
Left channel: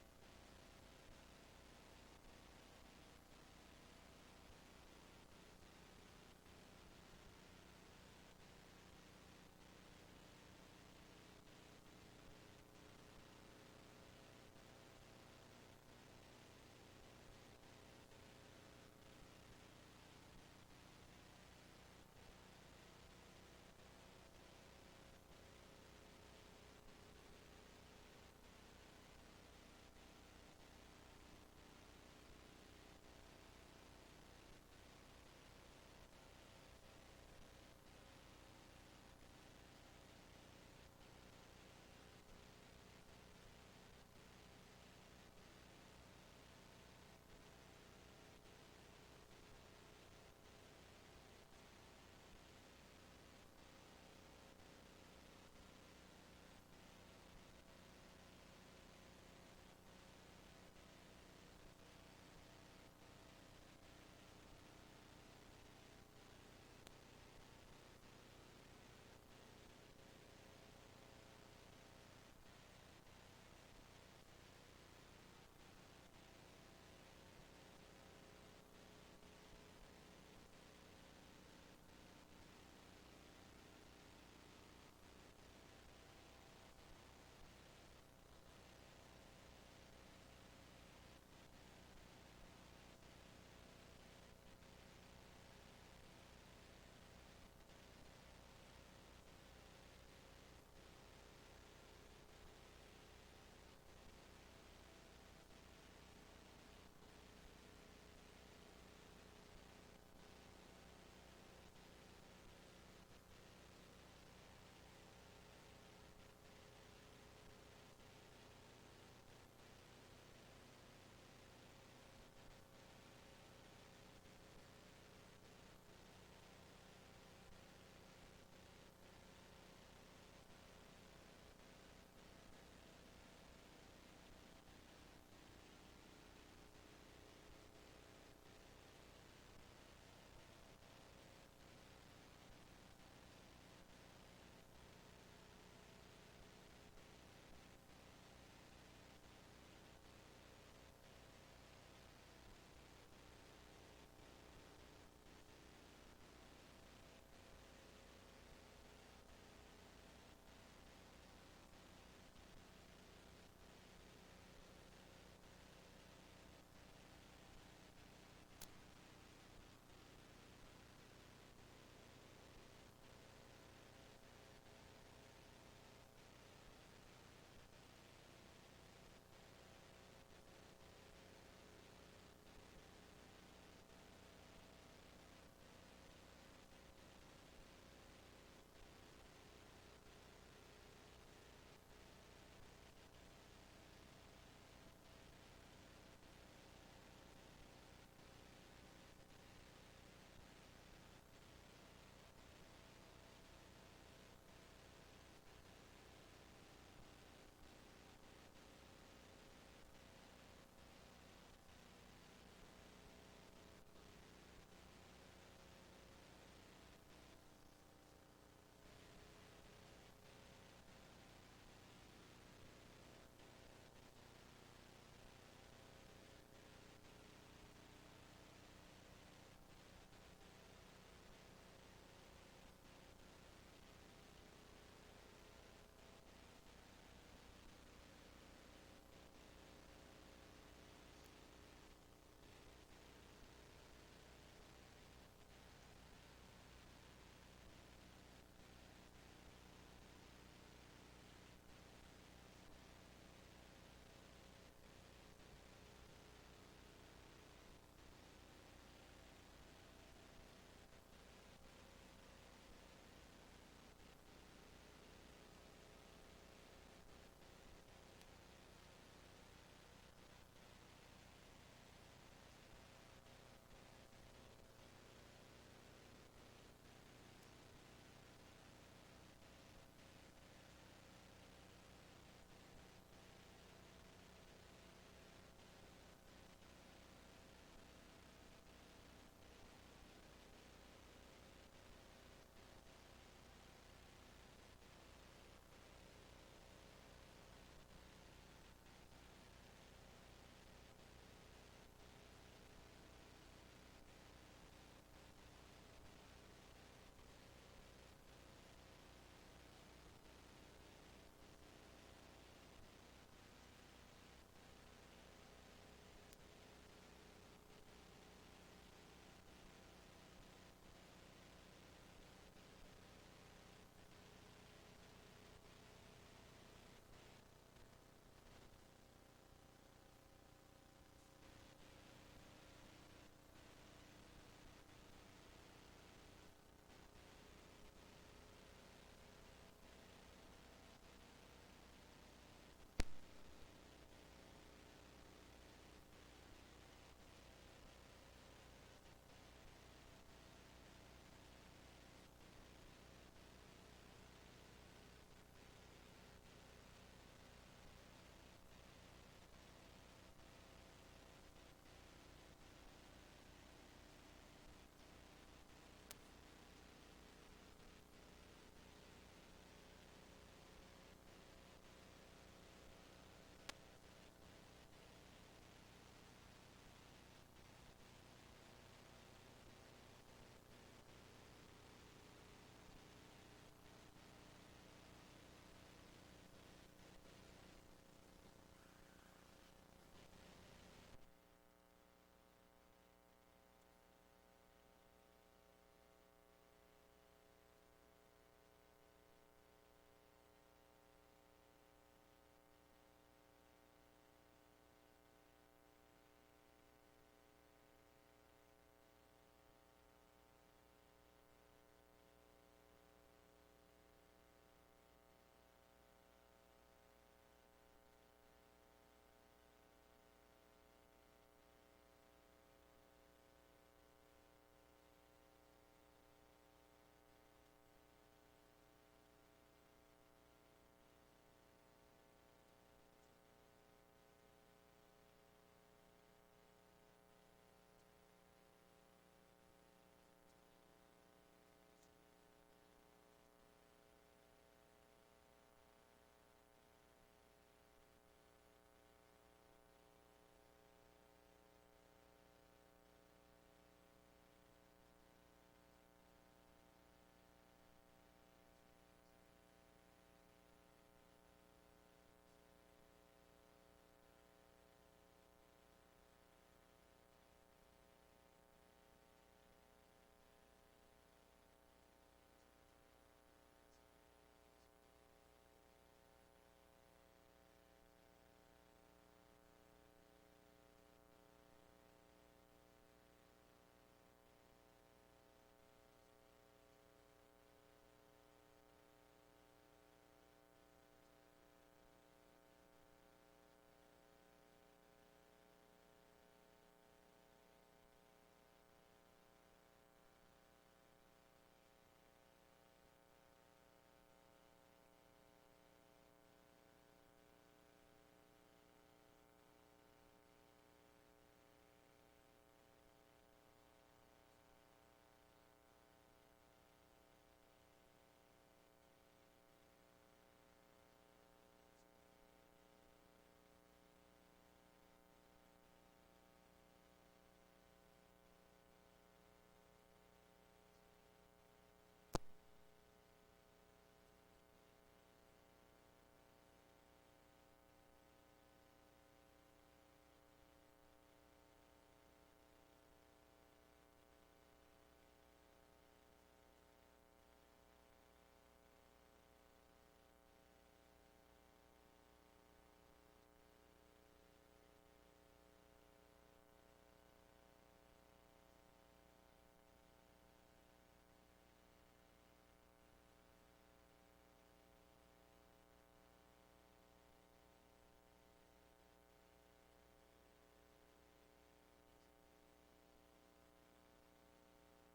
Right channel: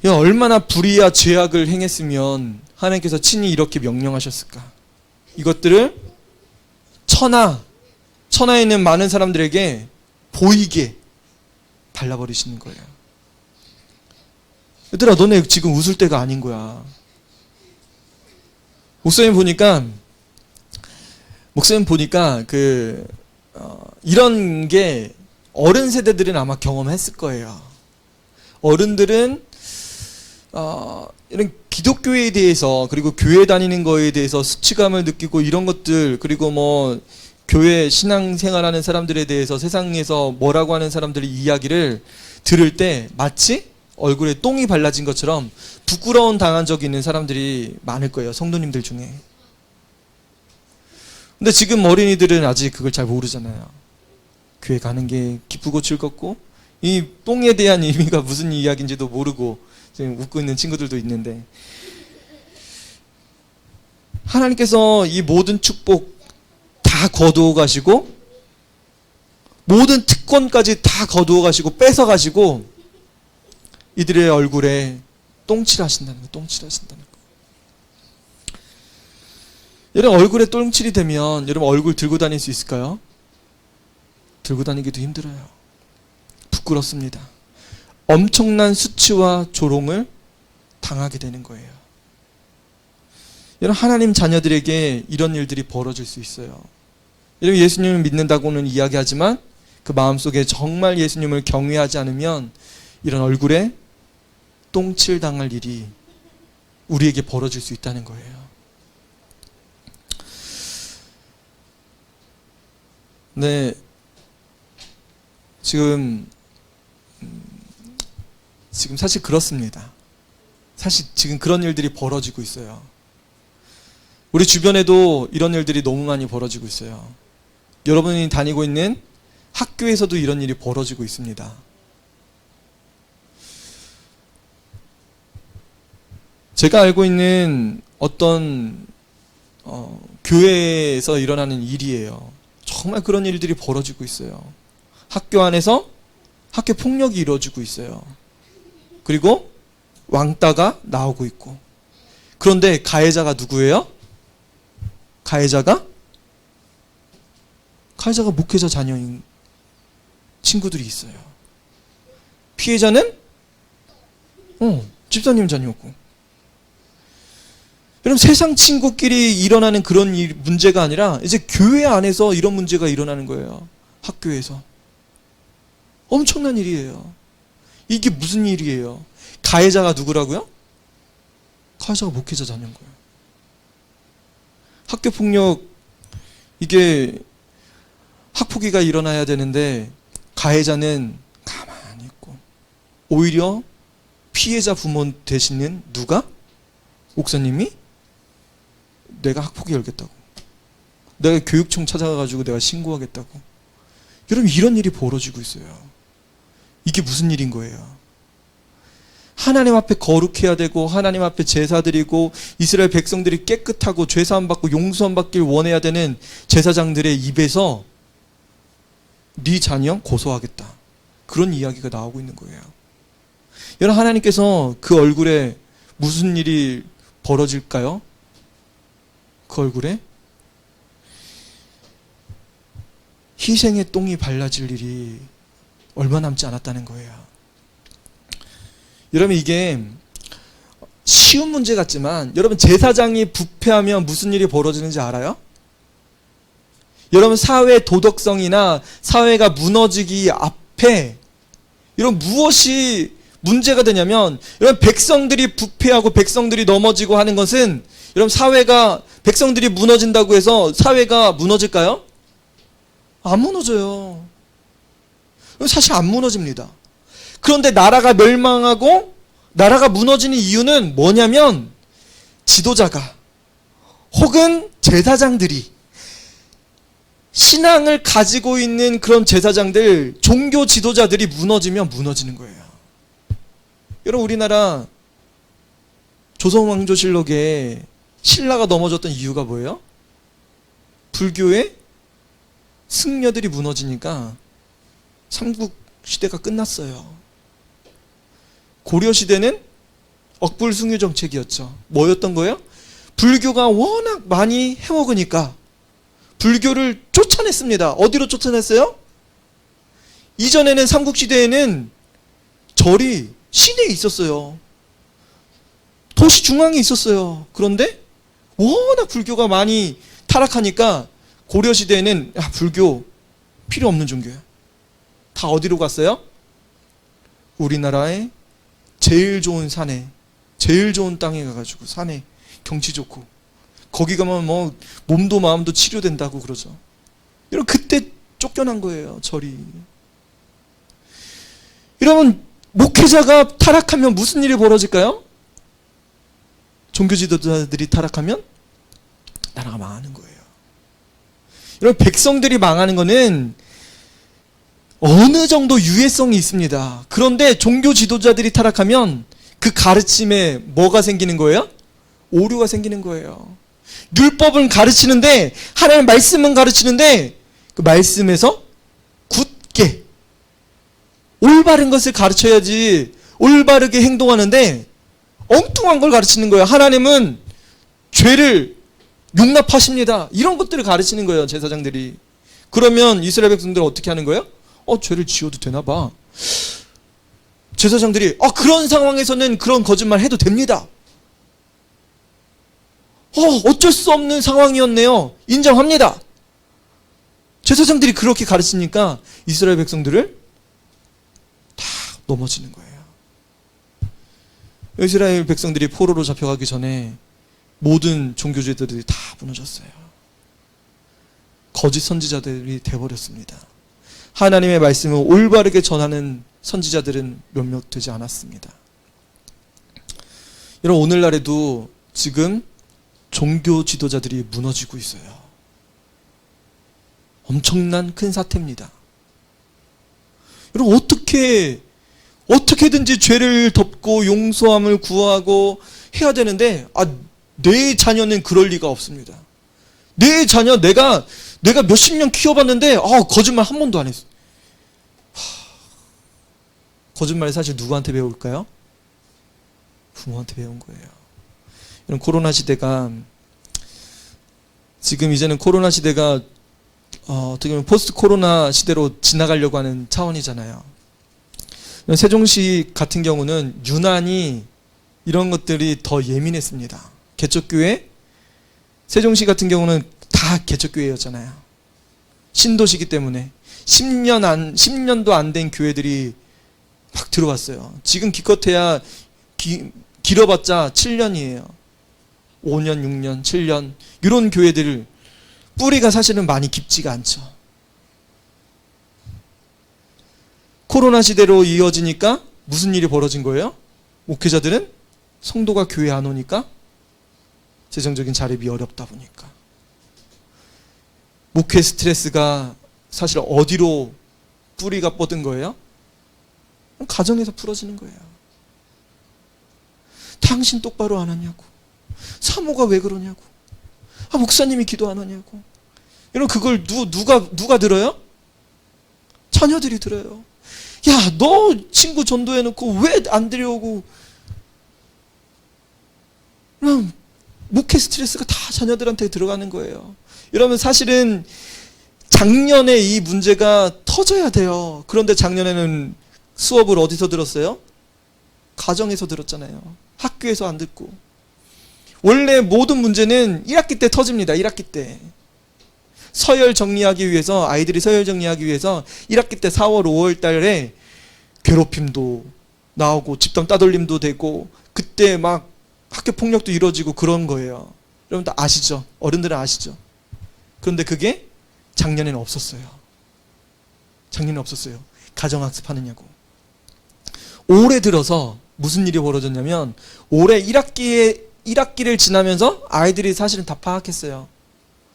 얼마나 불의와 죄악을 행했으면 하나님께서 친히 이렇게 명령하셨을까. 이것들을 천하에 있는 많은 사람들에게 보이게 발라버리시는 거예요. 얘들아, 너네 지금 웃을 때가 아닌 거야. 목사님 보니까 이런 게 어른 세대들은 아마 경험했을 거예요. 어른들은 이런 기독교에 대해서, 그리고 교회 다니는 거에 대해서 수치감을 느끼고 이런 것들, 그리고 뭐 교회 신앙생활하는 사람들에 대해서 세상에서 뭐라고 하는 사람들의 이야기를 들을 때 마치 얼굴에 똥이 발라진 것처럼 부끄러운 당한 적이 있는 사람들이 많을 거예요, 성도님들 중에. 근데 지금 어린이들은 아직 그걸 잘 모르잖아요. 교회 가는 게 기쁘고 즐겁고, 이 똥에 대한 의미가 무슨 이야기인지도 모르고 지금 웃고 있는 친구들도 있는데, 하나님께서 이 모든 축복 다 거두어 가시고, 모든 특권까지 다 거두어 가시고 뺏어 가시고 이들의 얼굴에 똥칠하신다는 거예요. 똥칠하신다는 거예요. 여러분, 얼굴에 똥칠이 되면 여러분 얼굴 들고 다닐 수 있을까요? 들고 다니기도 힘들어요. 부끄럽습니다. 엄청난 수치와 조롱을 당하게 되는 거예요. 여러분, 하나님 자녀들에게 이런 일들이 벌어질 수 있어요. 여러분, 예수님을 믿는다고는 이야기하지만 그 마음속에 정말 예수님을 경외하지 않으면 이런 얼굴에 똥칠 당할 일이 우리에게 벌어질 수 있다는 거예요. 네, 지금 사실 그렇습니다. 사실 지금 그런 일들이 벌어지고 있어요. 우리 주변에도 이런 일들이 너무 많이 벌어지고 있어요. 여러분이 다니고 있는 학교에서도 이런 일이 벌어지고 있습니다. 제가 알고 있는 어떤 교회에서 일어나는 일이에요. 정말 그런 일들이 벌어지고 있어요. 학교 안에서 학교 폭력이 이루어지고 있어요. 그리고 왕따가 나오고 있고. 그런데 가해자가 누구예요? 가해자가 목회자 자녀인 친구들이 있어요. 피해자는 집사님 자녀고. 여러분, 세상 친구끼리 일어나는 그런 문제가 아니라 이제 교회 안에서 이런 문제가 일어나는 거예요. 학교에서. 엄청난 일이에요. 이게 무슨 일이에요? 가해자가 누구라고요? 가해자가 목회자 자녀인 거예요. 학교폭력, 이게 학폭위가 일어나야 되는데 가해자는 가만히 있고, 오히려 피해자 부모 되시는 누가? 목사님이 내가 학폭위 열겠다고, 내가 교육청 찾아가가지고 내가 신고하겠다고. 여러분, 이런 일이 벌어지고 있어요. 이게 무슨 일인 거예요? 하나님 앞에 거룩해야 되고, 하나님 앞에 제사 드리고, 이스라엘 백성들이 깨끗하고 죄사함 받고 용서함 받길 원해야 되는 제사장들의 입에서 네 자녀 고소하겠다, 그런 이야기가 나오고 있는 거예요. 여러분, 하나님께서 그 얼굴에 무슨 일이 벌어질까요? 그 얼굴에 희생의 똥이 발라질 일이 얼마 남지 않았다는 거예요. 여러분, 이게 쉬운 문제 같지만 여러분, 제사장이 부패하면 무슨 일이 벌어지는지 알아요? 여러분, 사회 도덕성이나 사회가 무너지기 앞에 여러분 무엇이 문제가 되냐면, 여러분, 백성들이 부패하고 백성들이 넘어지고 하는 것은, 여러분, 사회가, 백성들이 무너진다고 해서 사회가 무너질까요? 안 무너져요. 사실 안 무너집니다. 그런데 나라가 멸망하고 나라가 무너지는 이유는 뭐냐면, 지도자가 혹은 제사장들이, 신앙을 가지고 있는 그런 제사장들, 종교 지도자들이 무너지면 무너지는 거예요. 여러분, 우리나라 조선왕조실록에 신라가 넘어졌던 이유가 뭐예요? 불교의 승려들이 무너지니까 삼국 시대가 끝났어요. 고려 시대는 억불숭유 정책이었죠. 뭐였던 거예요? 불교가 워낙 많이 해먹으니까 불교를 쫓아냈습니다. 어디로 쫓아냈어요? 이전에는 삼국시대에는 절이 시내에 있었어요. 도시 중앙에 있었어요. 그런데 워낙 불교가 많이 타락하니까 고려시대에는 불교 필요 없는 종교야. 다 어디로 갔어요? 우리나라의 제일 좋은 산에, 제일 좋은 땅에 가가지고, 산에 경치 좋고 거기 가면 뭐 몸도 마음도 치료된다고 그러죠. 여러분, 그때 쫓겨난 거예요, 절이. 여러분, 목회자가 타락하면 무슨 일이 벌어질까요? 종교 지도자들이 타락하면 나라가 망하는 거예요. 여러분, 백성들이 망하는 거는 어느 정도 유해성이 있습니다. 그런데 종교 지도자들이 타락하면 그 가르침에 뭐가 생기는 거예요? 오류가 생기는 거예요. 율법은 가르치는데, 하나님의 말씀은 가르치는데, 그 말씀에서 굳게 올바른 것을 가르쳐야지 올바르게 행동하는데 엉뚱한 걸 가르치는 거예요. 하나님은 죄를 용납하십니다. 이런 것들을 가르치는 거예요, 제사장들이. 그러면 이스라엘 백성들은 어떻게 하는 거예요? 죄를 지어도 되나 봐. 제사장들이 그런 상황에서는 그런 거짓말 해도 됩니다. 어쩔 수 없는 상황이었네요. 인정합니다. 제사장들이 그렇게 가르치니까 이스라엘 백성들을 다 넘어지는 거예요. 이스라엘 백성들이 포로로 잡혀가기 전에 모든 종교제도들이 다 무너졌어요. 거짓 선지자들이 돼버렸습니다. 하나님의 말씀을 올바르게 전하는 선지자들은 몇몇 되지 않았습니다. 여러분, 오늘날에도 지금 종교 지도자들이 무너지고 있어요. 엄청난 큰 사태입니다. 여러분, 어떻게든지 죄를 덮고 용서함을 구하고 해야 되는데, 내 자녀는 그럴 리가 없습니다. 내 자녀 내가 몇십 년 키워봤는데 거짓말 한 번도 안 했어. 거짓말 사실 누구한테 배울까요? 부모한테 배운 거예요. 이런 코로나 시대가, 지금 이제는 코로나 시대가 어떻게 보면 포스트 코로나 시대로 지나가려고 하는 차원이잖아요. 세종시 같은 경우는 유난히 이런 것들이 더 예민했습니다. 개척교회, 세종시 같은 경우는 다 개척교회였잖아요. 신도시기 때문에 10년도 안 된 교회들이 막 들어왔어요. 지금 기껏해야 길어봤자 7년이에요. 5년, 6년, 7년 이런 교회들 뿌리가 사실은 많이 깊지가 않죠. 코로나 시대로 이어지니까 무슨 일이 벌어진 거예요? 목회자들은 성도가 교회 안 오니까 재정적인 자립이 어렵다 보니까 목회 스트레스가 사실 어디로 뿌리가 뻗은 거예요? 가정에서 풀어지는 거예요. 당신 똑바로 안 하냐고, 사모가 왜 그러냐고, 목사님이 기도 안 하냐고. 여러분, 그걸 누가 들어요? 자녀들이 들어요. 야, 너 친구 전도해놓고 왜 안 데려오고. 그럼 목회 스트레스가 다 자녀들한테 들어가는 거예요. 여러분, 사실은 작년에 이 문제가 터져야 돼요. 그런데 작년에는 수업을 어디서 들었어요? 가정에서 들었잖아요. 학교에서 안 듣고. 원래 모든 문제는 1학기 때 터집니다. 1학기 때. 서열 정리하기 위해서, 아이들이 서열 정리하기 위해서 1학기 때 4월, 5월 달에 괴롭힘도 나오고 집단 따돌림도 되고 그때 막 학교 폭력도 이루어지고 그런 거예요. 여러분들 아시죠? 어른들은 아시죠? 그런데 그게 작년에는 없었어요. 작년에 없었어요. 가정학습 하느냐고. 올해 들어서 무슨 일이 벌어졌냐면, 올해 1학기를 지나면서 아이들이 사실은 다 파악했어요.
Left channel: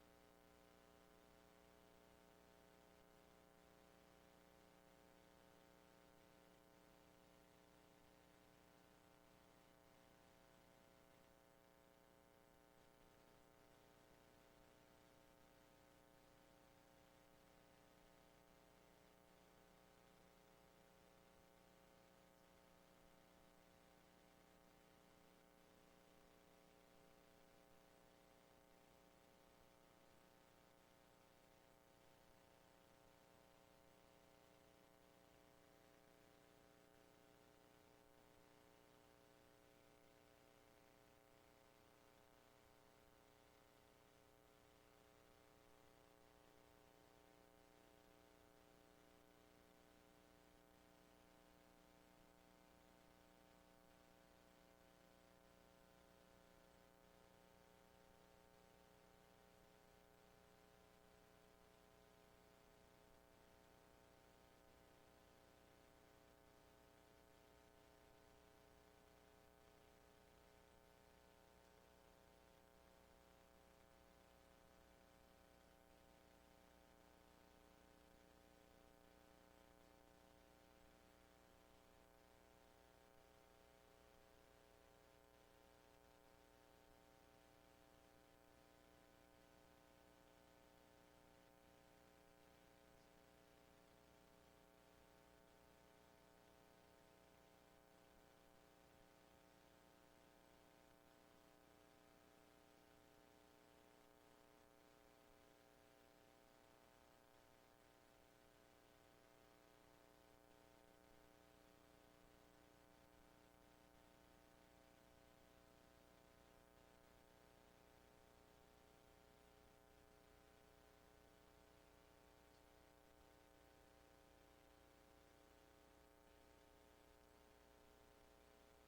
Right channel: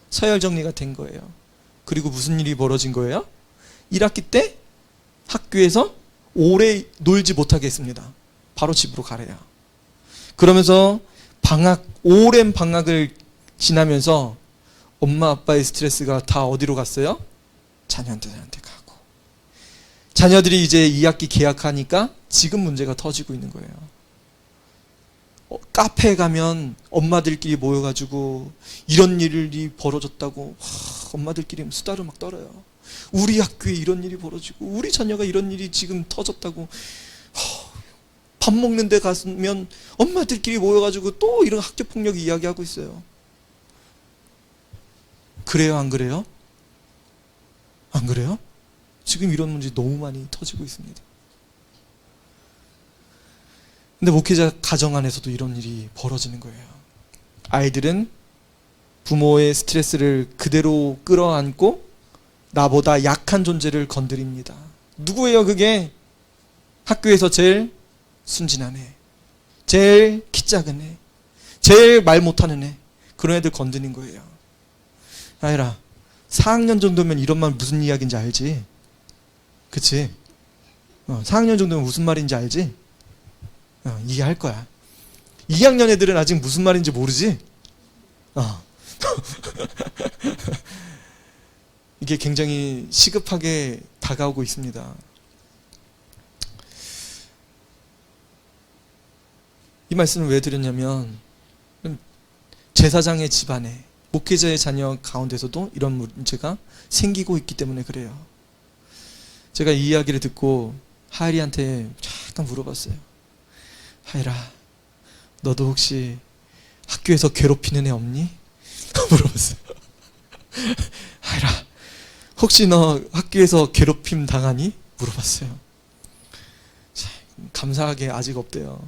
서열 정리가 된 거예요. 그리고 무슨 일이 벌어진 거예요? 1학기 때 학교에서 오래 놀지 못하게 했습니다. 바로 집으로 가래요. 그러면서 오랜 방학을 지나면서 엄마 아빠의 스트레스가 다 어디로 갔어요? 자녀들한테 가고. 자녀들이 이제 2학기 개학하니까 지금 문제가 터지고 있는 거예요. 카페에 가면 엄마들끼리 모여가지고 이런 일이 벌어졌다고 엄마들끼리 수다를 막 떨어요. 우리 학교에 이런 일이 벌어지고 우리 자녀가 이런 일이 지금 터졌다고. 밥 먹는 데 가면 엄마들끼리 모여가지고 또 이런 학교폭력 이야기하고 있어요. 그래요, 안 그래요? 안 그래요? 지금 이런 문제 너무 많이 터지고 있습니다. 근데 목회자 가정 안에서도 이런 일이 벌어지는 거예요. 아이들은 부모의 스트레스를 그대로 끌어안고 나보다 약한 존재를 건드립니다. 누구예요 그게? 학교에서 제일 순진한 애, 제일 키 작은 애, 제일 말 못하는 애, 그런 애들 건드는 거예요. 아이라 4학년 정도면 이런 말 무슨 이야기인지 알지? 그치? 4학년 정도면 무슨 말인지 알지? 이해할 거야. 2학년 애들은 아직 무슨 말인지 모르지? 이게 굉장히 시급하게 다가오고 있습니다. 이 말씀을 왜 드렸냐면 제사장의 집안에 목회자의 자녀 가운데서도 이런 문제가 생기고 있기 때문에 그래요. 제가 이 이야기를 듣고 하일이한테 잠깐 물어봤어요. 하일아, 너도 혹시 학교에서 괴롭히는 애 없니? 물어봤어요. 하일아, 혹시 너 학교에서 괴롭힘 당하니? 물어봤어요. 감사하게 아직 없대요.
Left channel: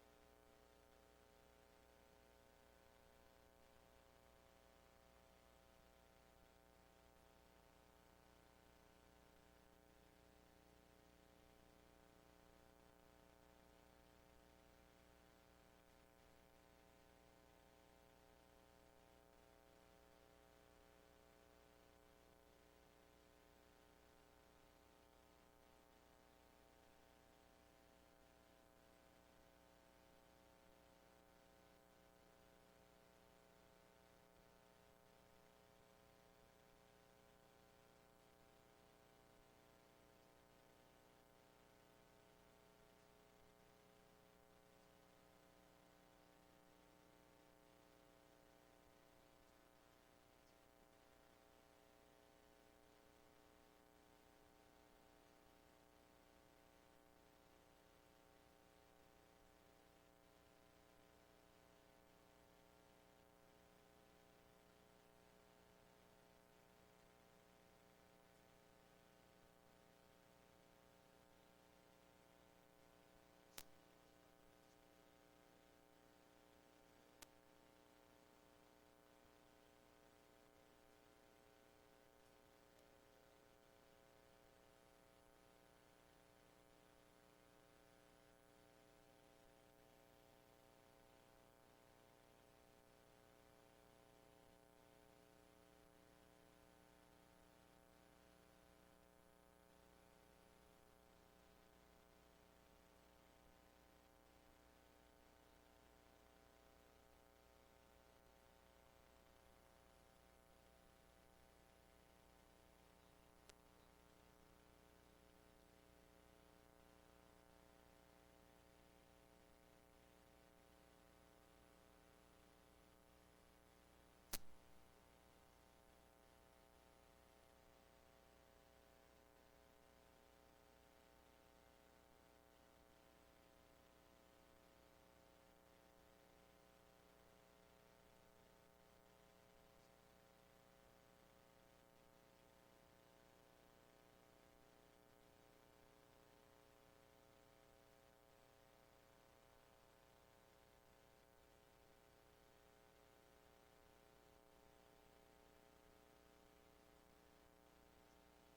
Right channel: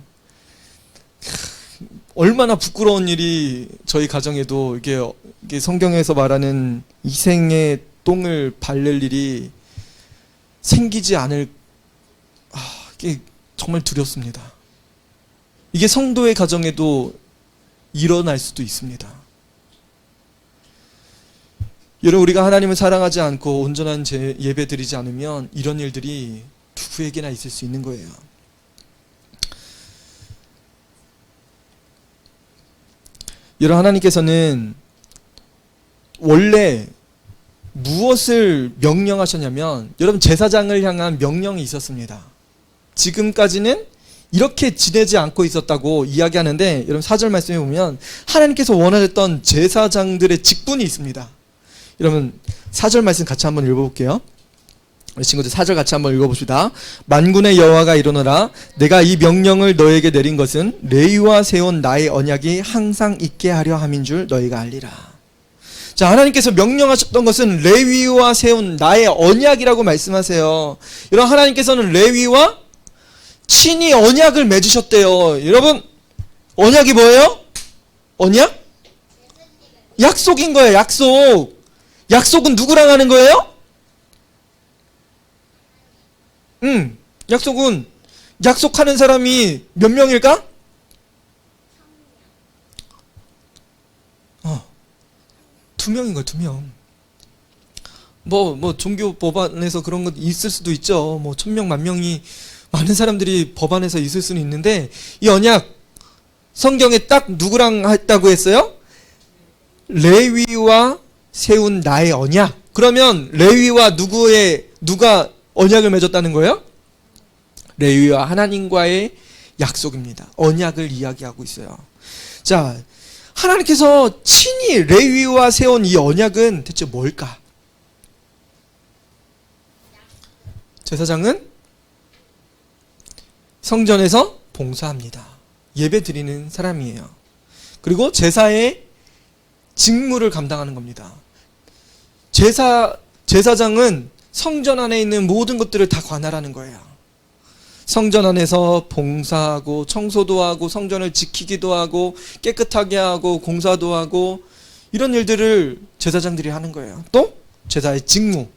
얼마나 부끄러운 일이 저희 가정에도 이게 성경에서 말하는 이생의 똥을 밟을 일이 생기지 않을, 이게 정말 두렵습니다. 이게 성도의 가정에도 일어날 수도 있습니다. 여러분, 우리가 하나님을 사랑하지 않고 온전한 예배 드리지 않으면 이런 일들이 누구에게나 있을 수 있는 거예요. 여러분, 하나님께서는 원래 무엇을 명령하셨냐면, 여러분, 제사장을 향한 명령이 있었습니다. 지금까지는 이렇게 지내지 않고 있었다고 이야기하는데, 여러분 4절 말씀에 보면 하나님께서 원하셨던 제사장들의 직분이 있습니다. 여러분 4절 말씀 같이 한번 읽어볼게요. 우리 친구들 4절 같이 한번 읽어봅시다. 만군의 여호와가 이르노라, 내가 이 명령을 너에게 내린 것은 레위와 세운 나의 언약이 항상 있게 하려 함인 줄 너희가 알리라. 자, 하나님께서 명령하셨던 것은 레위와 세운 나의 언약이라고 말씀하세요. 여러분, 하나님께서는 레위와 친히 언약을 맺으셨대요. 여러분, 언약이 뭐예요? 언약? 약속인 거예요. 약속. 약속은 누구랑 하는 거예요? 약속은 약속하는 사람이 몇 명일까? 2명인 거예요. 2명. 뭐 종교 법안에서 그런 거 있을 수도 있죠. 뭐 1000명, 10,000명이 많은 사람들이 법안에서 있을 수는 있는데, 이 언약 성경에 딱 누구랑 했다고 했어요? 레위와 세운 나의 언약. 그러면 레위와 누가 언약을 맺었다는 거예요? 레위와 하나님과의 약속입니다. 언약을 이야기하고 있어요. 자, 하나님께서 친히 레위와 세운 이 언약은 대체 뭘까? 제사장은 성전에서 봉사합니다. 예배 드리는 사람이에요. 그리고 제사의 직무를 감당하는 겁니다. 제사장은 성전 안에 있는 모든 것들을 다 관할하는 거예요. 성전 안에서 봉사하고 청소도 하고 성전을 지키기도 하고 깨끗하게 하고 공사도 하고, 이런 일들을 제사장들이 하는 거예요. 또 제사의 직무,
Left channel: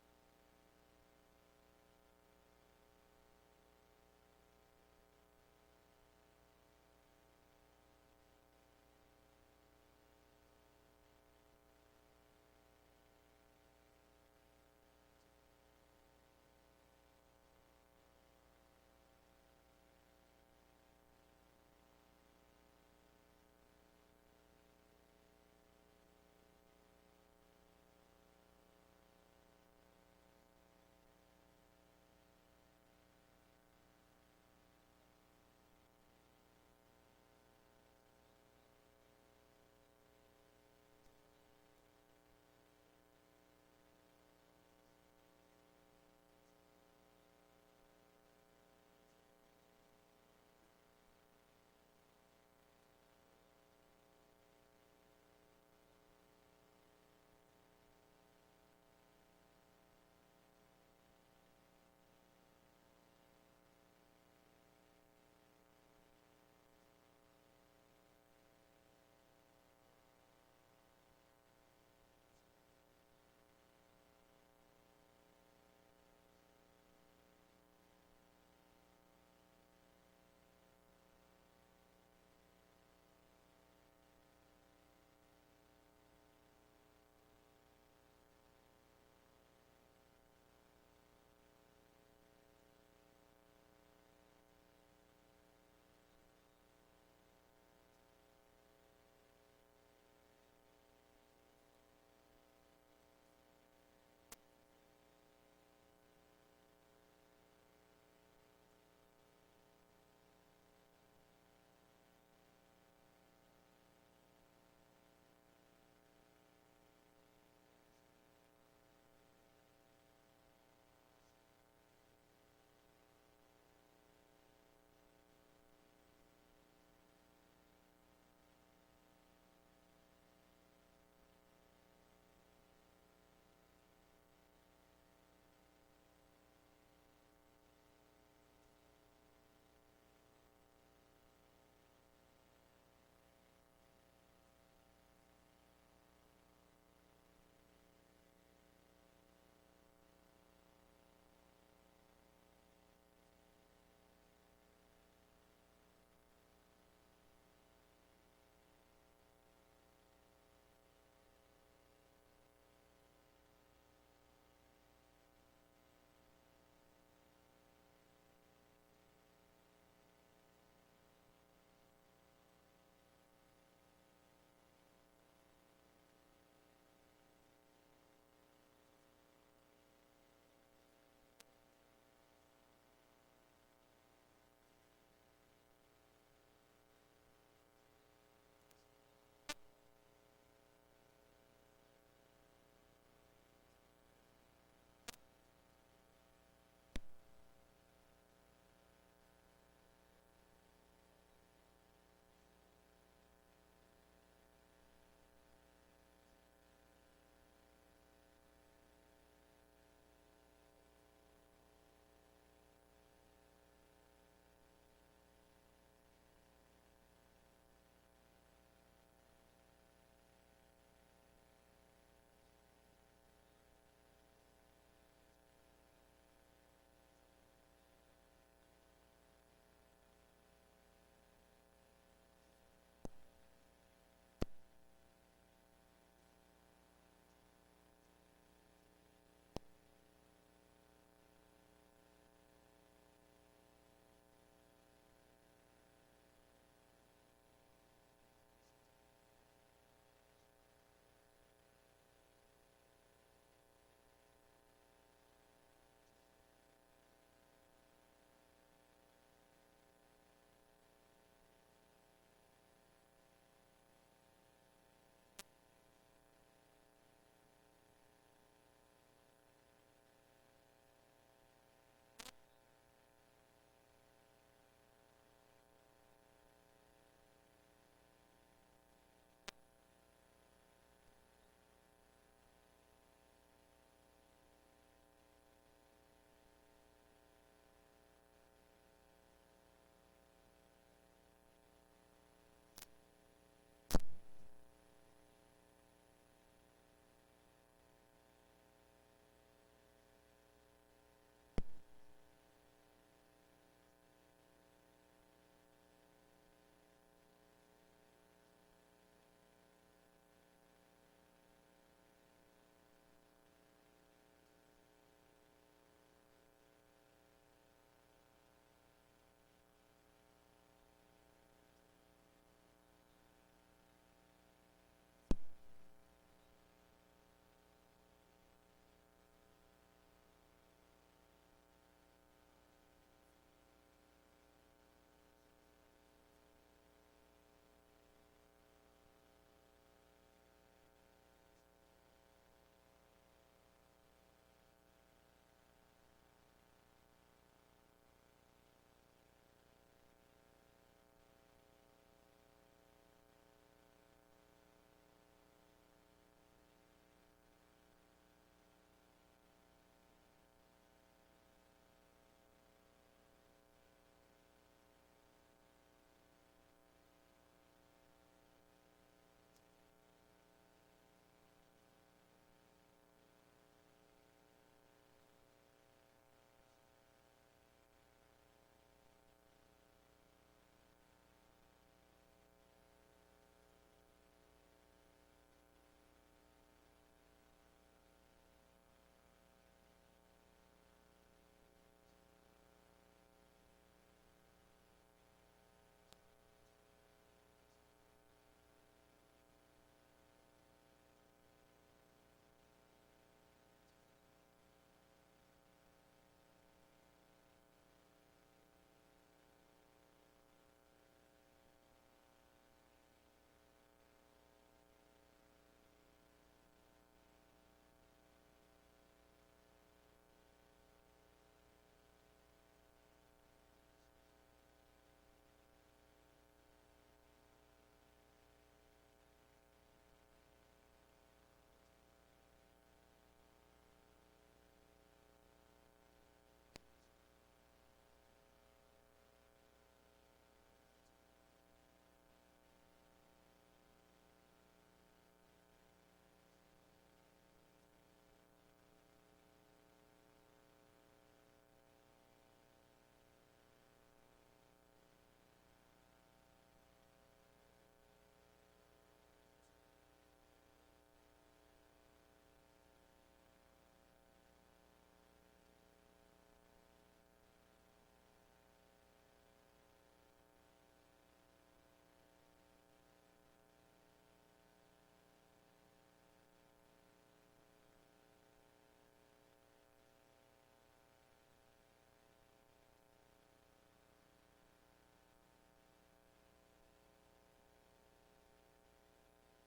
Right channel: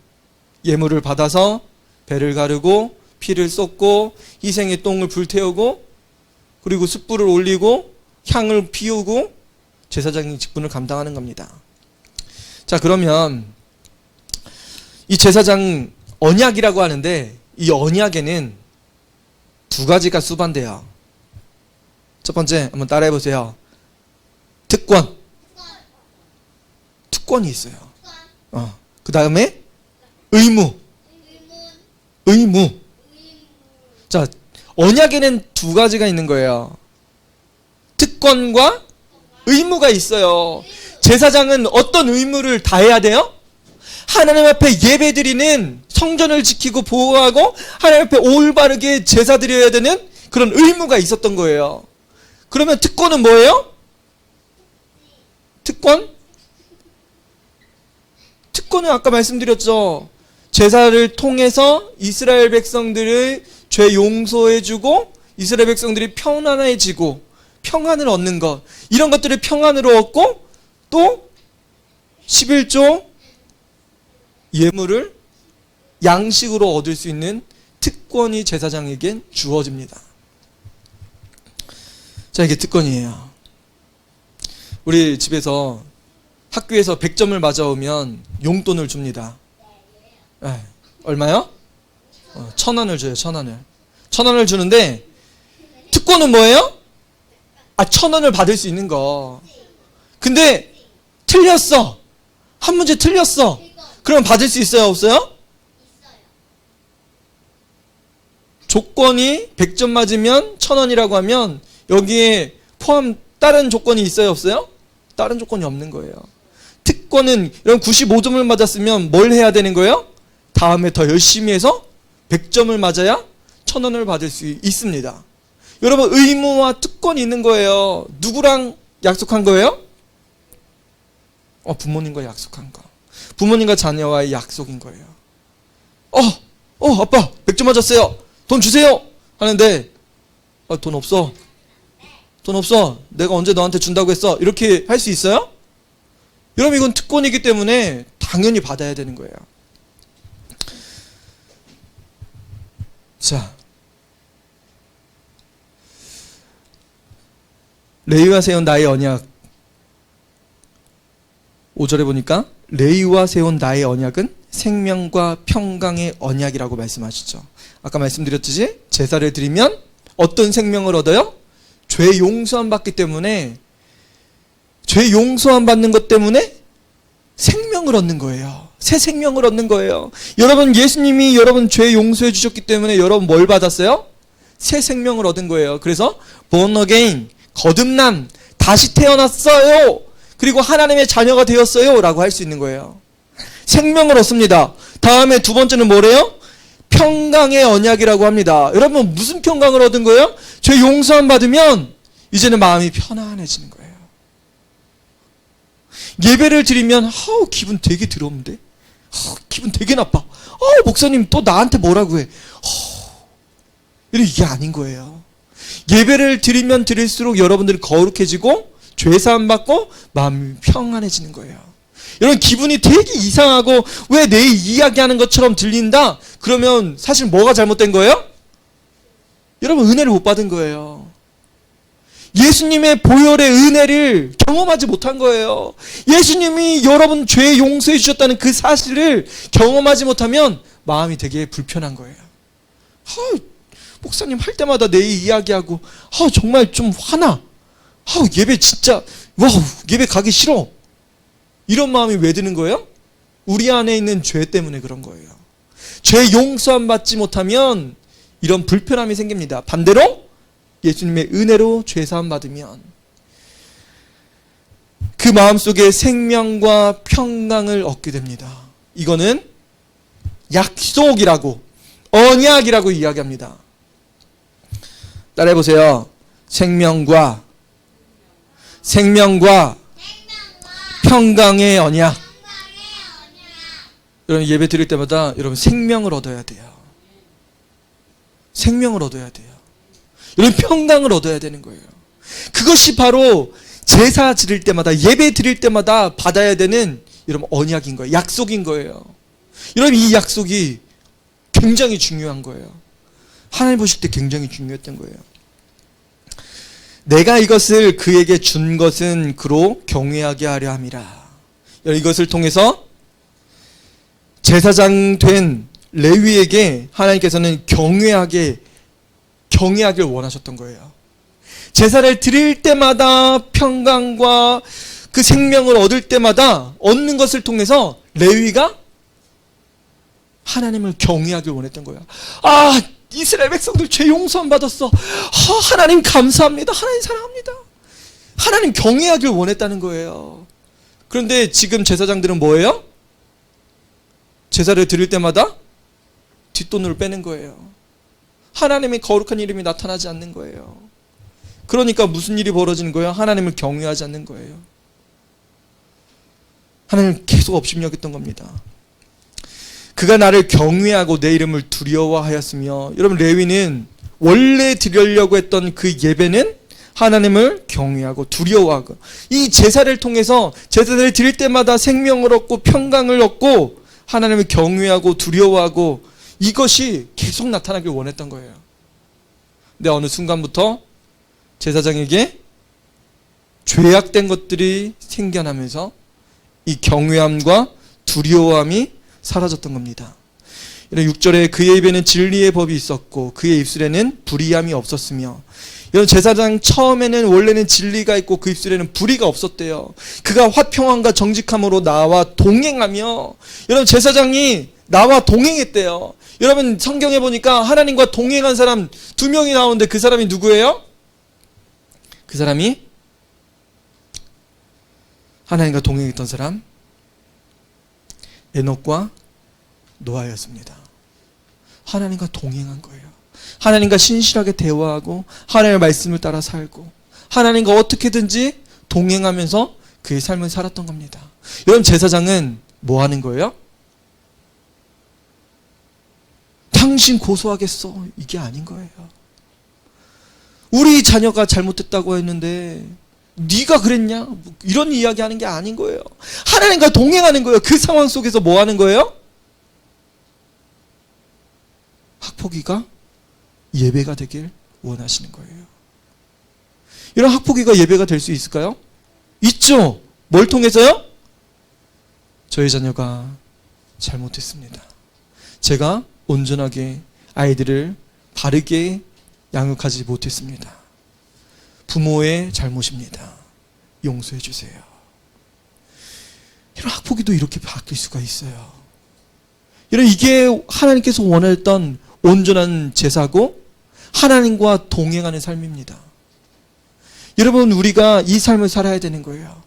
예물을 받아서 배를 가르고 피를 쏟고 희생의 똥을 불태우고 그리고 숯불을 올리고 향을 피우고 제사장의 직분을 감당하는 겁니다. 자, 그러면 이 제사장 언약이라고 하는데, 이 언약에는 2가지가 수반돼요. 첫 번째, 한번 따라해 보세요. 특권이 있어요. 그 다음에 의무. 자, 언약에는 2가지가 있는 거예요. 특권과 의무가 있어요. 제사장은 어떤 의무를 다해야 돼요? 하나님 앞에 예배드리는 성전을 지키고 보호하고 하나님 앞에 올바르게 제사 드려야 되는 그런 의무가 있었던 거예요. 그러면 특권은 뭐예요? 특권은 아까 말씀드렸죠. 제사를 통해서 이스라엘 백성들을 죄 용서해주고 이스라엘 백성들이 편안해지고 평안을 얻는 것, 이런 것들을 평안으로 얻고 또 11조 예물을 양식으로 얻을 수 있는 특권이 제사장에겐 주어집니다. 자, 이게 특권이에요. 우리 집에서 학교에서 100점을 맞아오면 용돈을 줍니다. 네. 얼마요? 1,000원을 줘요. 1,000원을. 1,000원을 주는데 특권은 뭐예요? 1,000원을 받을 수 있는 거. 근데 틀렸어. 한 문제 틀렸어. 그럼 받을 수 있어요? 없어요? 조건이 100점 맞으면 1,000원이라고 하면 여기에 포함 다른 조건이 있어요? 없어요? 다른 조건이 없는 거예요. 특권은 이런 95점을 맞았으면 뭘 해야 되는 거예요? 다음에 더 열심히 해서 100점을 맞아야 1,000원을 받을 수 있습니다. 여러분, 의무와 특권이 있는 거예요. 누구랑 약속한 거예요? 부모님과 약속한 거. 부모님과 자녀와의 약속인 거예요. 아빠 100점 맞았어요. 돈 주세요. 하는데 돈 없어. 돈 없어. 내가 언제 너한테 준다고 했어. 이렇게 할 수 있어요? 여러분, 이건 특권이기 때문에 당연히 받아야 되는 거예요. 자, 레위와 세운 나의 언약 5절에 보니까 레위와 세운 나의 언약은 생명과 평강의 언약이라고 말씀하시죠. 아까 말씀드렸듯이 제사를 드리면 어떤 생명을 얻어요? 죄 용서함 받기 때문에, 죄 용서함 받는 것 때문에 생명을 얻는 거예요. 새 생명을 얻는 거예요. 여러분, 예수님이 여러분 죄 용서해 주셨기 때문에 여러분 뭘 받았어요? 새 생명을 얻은 거예요. 그래서 born again, 거듭남, 다시 태어났어요. 그리고 하나님의 자녀가 되었어요 라고 할 수 있는 거예요. 생명을 얻습니다. 다음에 두 번째는 뭐래요? 평강의 언약이라고 합니다. 여러분, 무슨 평강을 얻은 거예요? 죄 용서함 받으면 이제는 마음이 편안해지는 거예요. 예배를 드리면 기분 되게 더러운데, 기분 되게 나빠. 목사님 또 나한테 뭐라고 해. 이게 아닌 거예요. 예배를 드리면 드릴수록 여러분들이 거룩해지고 죄사함 받고 마음이 평안해지는 거예요. 여러분, 기분이 되게 이상하고 왜 내 이야기하는 것처럼 들린다? 그러면 사실 뭐가 잘못된 거예요? 여러분, 은혜를 못 받은 거예요. 예수님의 보혈의 은혜를 경험하지 못한 거예요. 예수님이 여러분 죄 용서해 주셨다는 그 사실을 경험하지 못하면 마음이 되게 불편한 거예요. 목사님 할 때마다 내 이야기하고 정말 좀 화나. 예배 진짜 예배 가기 싫어. 이런 마음이 왜 드는 거예요? 우리 안에 있는 죄 때문에 그런 거예요. 죄 용서함 받지 못하면 이런 불편함이 생깁니다. 반대로 예수님의 은혜로 죄 사함 받으면 그 마음속에 생명과 평강을 얻게 됩니다. 이거는 약속이라고, 언약이라고 이야기합니다. 따라해 보세요. 생명과 평강의 언약. 여러분, 예배 드릴 때마다 여러분 생명을 얻어야 돼요. 생명을 얻어야 돼요. 여러분, 평강을 얻어야 되는 거예요. 그것이 바로 제사 드릴 때마다, 예배 드릴 때마다 받아야 되는 여러분 언약인 거예요. 약속인 거예요. 여러분, 이 약속이 굉장히 중요한 거예요. 하나님 보실 때 굉장히 중요했던 거예요. 내가 이것을 그에게 준 것은 그로 경외하게 하려 함이라. 이것을 통해서 제사장 된 레위에게 하나님께서는 경외하길 원하셨던 거예요. 제사를 드릴 때마다 평강과 그 생명을 얻을 때마다 얻는 것을 통해서 레위가 하나님을 경외하길 원했던 거예요. 이스라엘 백성들 죄 용서함 받았어. 하나님 감사합니다. 하나님 사랑합니다. 하나님 경외하길 원했다는 거예요. 그런데 지금 제사장들은 뭐예요? 제사를 드릴 때마다 뒷돈을 빼는 거예요. 하나님의 거룩한 이름이 나타나지 않는 거예요. 그러니까 무슨 일이 벌어지는 거예요? 하나님을 경외하지 않는 거예요. 하나님을 계속 업신여겼던 겁니다. 그가 나를 경외하고 내 이름을 두려워하였으며, 여러분 레위는 원래 드리려고 했던 그 예배는 하나님을 경외하고 두려워하고, 이 제사를 통해서 제사를 드릴 때마다 생명을 얻고 평강을 얻고 하나님을 경외하고 두려워하고, 이것이 계속 나타나길 원했던 거예요. 근데 어느 순간부터 제사장에게 죄악된 것들이 생겨나면서 이 경외함과 두려워함이 사라졌던 겁니다. 6절에 그의 입에는 진리의 법이 있었고 그의 입술에는 불의함이 없었으며, 이런 제사장 처음에는 원래는 진리가 있고 그 입술에는 불의가 없었대요. 그가 화평함과 정직함으로 나와 동행하며, 여러분 제사장이 나와 동행했대요. 여러분 성경에 보니까 하나님과 동행한 사람 2명이 나오는데 그 사람이 누구예요? 그 사람이 하나님과 동행했던 사람 에녹과 노아였습니다. 하나님과 동행한 거예요. 하나님과 신실하게 대화하고 하나님의 말씀을 따라 살고 하나님과 어떻게든지 동행하면서 그의 삶을 살았던 겁니다. 여러분 제사장은 뭐 하는 거예요? 당신 고소하겠어, 이게 아닌 거예요. 우리 자녀가 잘못했다고 했는데 네가 그랬냐? 이런 이야기 하는 게 아닌 거예요. 하나님과 동행하는 거예요. 그 상황 속에서 뭐 하는 거예요? 학폭위가 예배가 되길 원하시는 거예요. 이런 학폭위가 예배가 될 수 있을까요? 있죠. 뭘 통해서요? 저희 자녀가 잘못했습니다. 제가 온전하게 아이들을 바르게 양육하지 못했습니다. 부모의 잘못입니다. 용서해 주세요. 이런 학폭위도 이렇게 바뀔 수가 있어요. 이런 이게 하나님께서 원했던 온전한 제사고 하나님과 동행하는 삶입니다. 여러분 우리가 이 삶을 살아야 되는 거예요.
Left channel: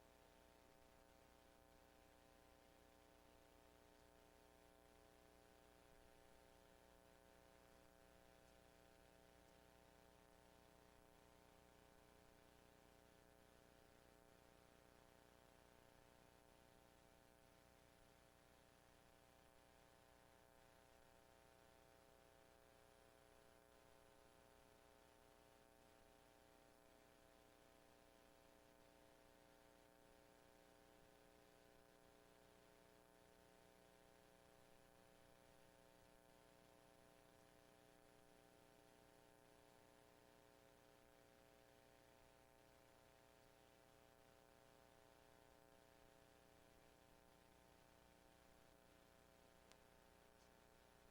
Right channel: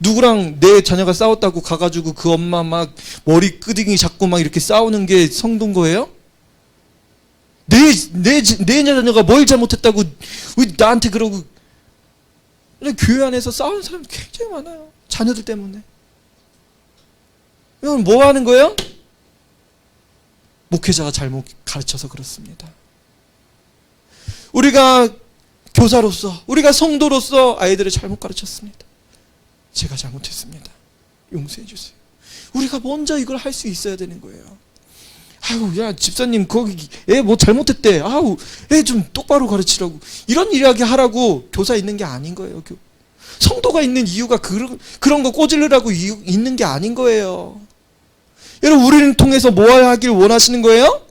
누구랑 내 자녀가 싸웠다고 가가지고 그 엄마 막 머리 끄댕이 잡고 막 이렇게 싸우는 게 성도인 거예요? 내 자녀가 뭘 잘못했다고 왜 나한테 그러고. 교회 안에서 싸우는 사람이 굉장히 많아요. 자녀들 때문에. 이건 뭐 하는 거예요? 목회자가 잘못 가르쳐서 그렇습니다. 우리가 교사로서, 우리가 성도로서 아이들을 잘못 가르쳤습니다. 제가 잘못했습니다. 용서해 주세요. 우리가 먼저 이걸 할 수 있어야 되는 거예요. 아유, 야 집사님 거기 애 뭐 잘못했대. 아우, 애 좀 똑바로 가르치라고. 이런 이야기 하라고 교사 있는 게 아닌 거예요. 성도가 있는 이유가 그런 거 꼬질르라고 있는 게 아닌 거예요. 여러분 우리를 통해서 뭐 하길 원하시는 거예요?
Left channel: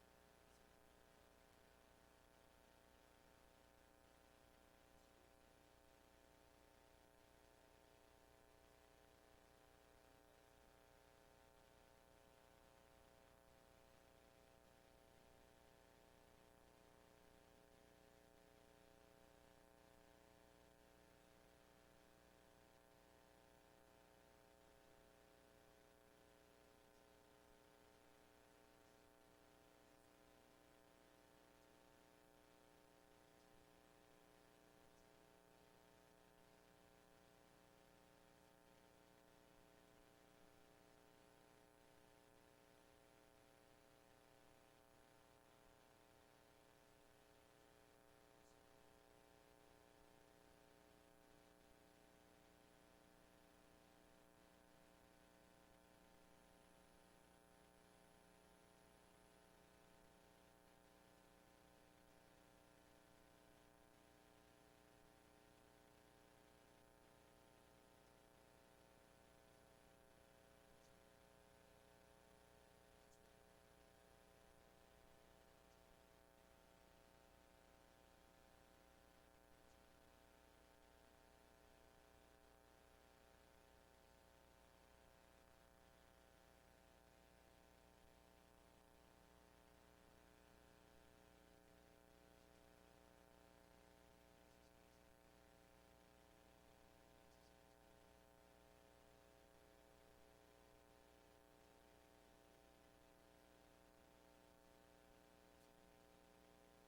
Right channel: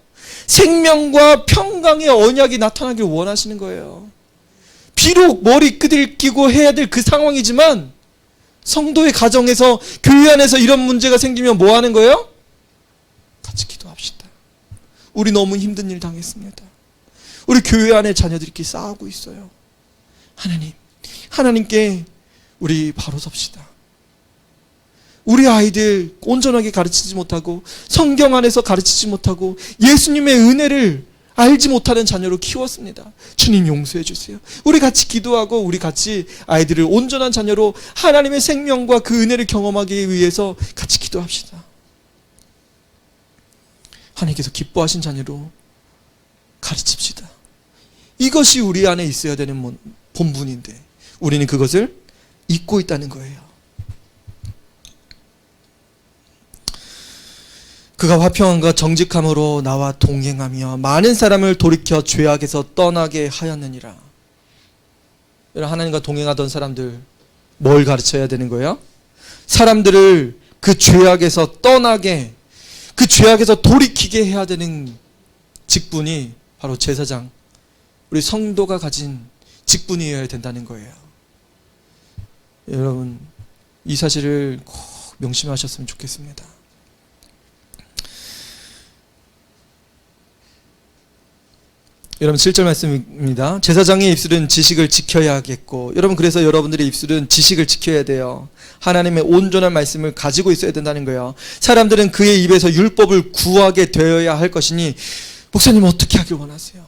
생명과 평강의 언약이 나타나길 원하시는 거예요. 비록 머리 끄들기고 해야 될 그 상황이지만 성도의 가정에서, 교회 안에서 이런 문제가 생기면 뭐 하는 거예요? 같이 기도합시다. 우리 너무 힘든 일 당했습니다. 우리 교회 안에 자녀들끼리 싸우고 있어요. 하나님께 우리 바로 섭시다. 우리 아이들 온전하게 가르치지 못하고 성경 안에서 가르치지 못하고 예수님의 은혜를 알지 못하는 자녀로 키웠습니다. 주님 용서해 주세요. 우리 같이 기도하고 우리 같이 아이들을 온전한 자녀로 하나님의 생명과 그 은혜를 경험하기 위해서 같이 기도합시다. 하나님께서 기뻐하신 자녀로 가르칩시다. 이것이 우리 안에 있어야 되는 본분인데 우리는 그것을 잊고 있다는 거예요. 그가 화평함과 정직함으로 나와 동행하며 많은 사람을 돌이켜 죄악에서 떠나게 하였느니라. 하나님과 동행하던 사람들 뭘 가르쳐야 되는 거예요? 사람들을 그 죄악에서 떠나게, 그 죄악에서 돌이키게 해야 되는 직분이 바로 제사장, 우리 성도가 가진 직분이어야 된다는 거예요. 여러분 이 사실을 꼭 명심하셨으면 좋겠습니다. 여러분 7절 말씀입니다. 제사장의 입술은 지식을 지켜야겠고, 여러분 그래서 여러분들의 입술은 지식을 지켜야 돼요. 하나님의 온전한 말씀을 가지고 있어야 된다는 거예요. 사람들은 그의 입에서 율법을 구하게 되어야 할 것이니, 목사님 어떻게 하길 원하세요?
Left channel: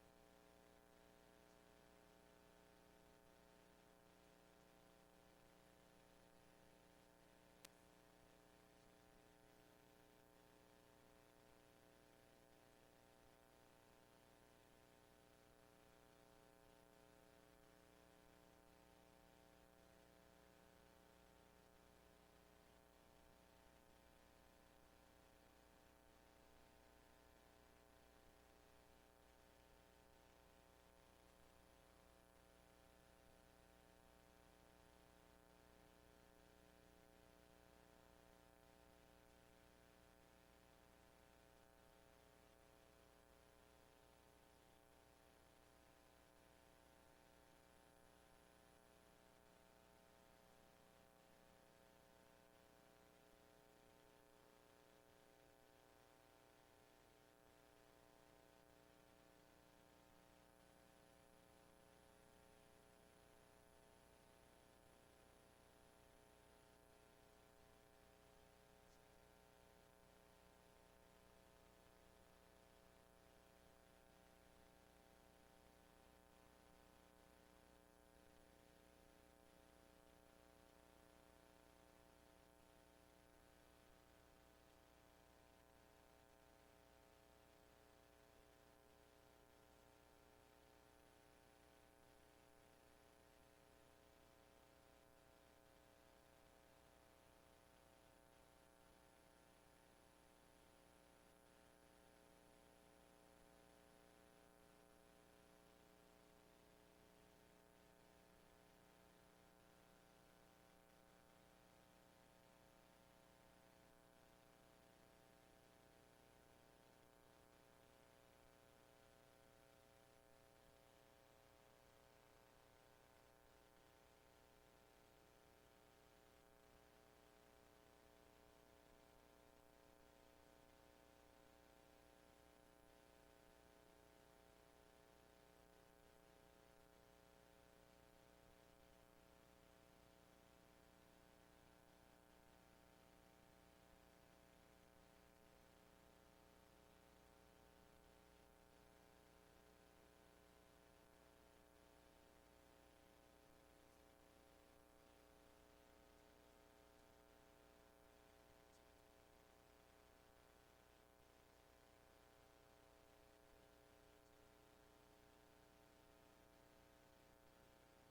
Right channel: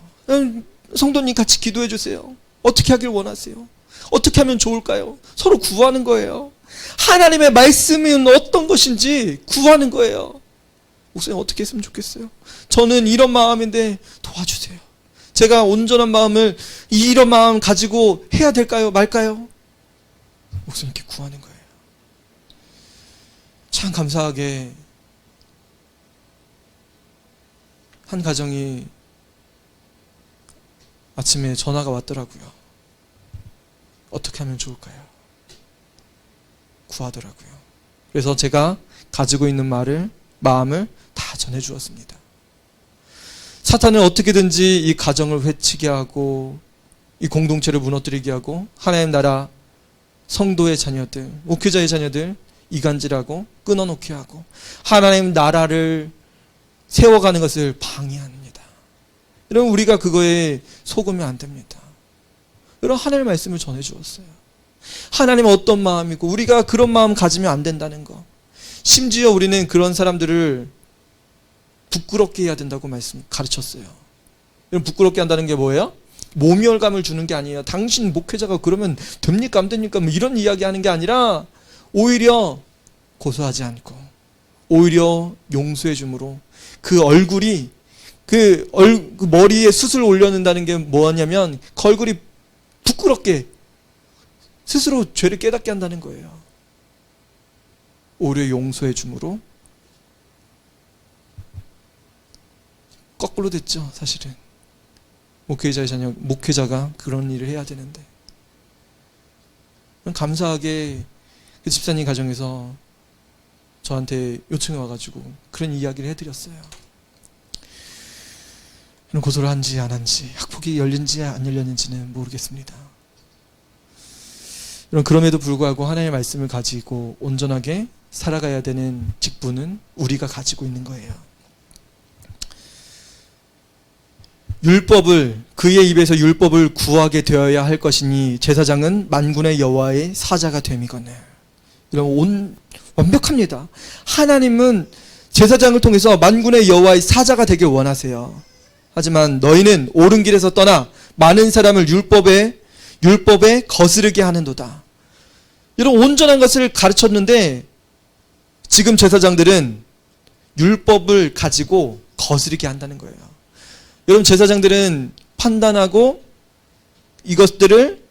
성도님 같이 기도해 주세요. 어떻게 하길 원하세요? 어떻게 하면 좋을까요? 서로 구하는 거예요. 하나님의 말씀은 어떤 것인지 구하는 거예요. 목사님 어떻게 했으면 좋겠어요? 저는 이런 마음인데 도와주세요. 제가 온전한 마음을, 이런 마음 가지고 해야 될까요? 말까요? 목사님께 구하는 거예요. 참 감사하게 한 가정이 아침에 전화가 왔더라고요. 어떻게 하면 좋을까요? 구하더라고요. 그래서 제가 가지고 있는 마음을 다 전해주었습니다. 사탄은 어떻게든지 이 가정을 해치게 하고, 이 공동체를 무너뜨리게 하고, 하나님 나라 성도의 자녀들, 목회자의 자녀들 이간질하고 끊어놓게 하고, 하나님 나라를 세워가는 것을 방해합니다. 여러분 우리가 그거에 속으면 안 됩니다. 여러분 하나님의 말씀을 전해주었어요. 하나님은 어떤 마음이고 우리가 그런 마음 가지면 안 된다는 거. 심지어 우리는 그런 사람들을 부끄럽게 해야 된다고 가르쳤어요. 여러분 부끄럽게 한다는 게 뭐예요? 모멸감을 주는 게 아니에요. 당신 목회자가 그러면 됩니까 안 됩니까? 뭐 이런 이야기 하는 게 아니라, 오히려 고소하지 않고 오히려 용서해 줌으로 그 얼굴이, 그 머리에 숯을 올려놓는다는 게 뭐냐면 그 얼굴이 부끄럽게 스스로 죄를 깨닫게 한다는 거예요. 오히려 용서해 줌으로. 거꾸로 됐죠 사실은. 목회자가 그런 일을 해야 되는데. 감사하게 그 집사님 가정에서 저한테 요청이 와가지고 그런 이야기를 해드렸어요. 고소를 한지 안 한지, 학폭이 열린지 안 열렸는지는 모르겠습니다. 그럼에도 불구하고 하나님의 말씀을 가지고 온전하게 살아가야 되는 직분은 우리가 가지고 있는 거예요. 그의 입에서 율법을 구하게 되어야 할 것이니 제사장은 만군의 여호와의 사자가 됨이거늘. 여러분 완벽합니다. 하나님은 제사장을 통해서 만군의 여호와의 사자가 되길 원하세요. 하지만 너희는 옳은 길에서 떠나 많은 사람을 율법에 거스르게 하는도다. 여러분 온전한 것을 가르쳤는데 지금 제사장들은 율법을 가지고 거스르게 한다는 거예요. 여러분 제사장들은 판단하고 이것들을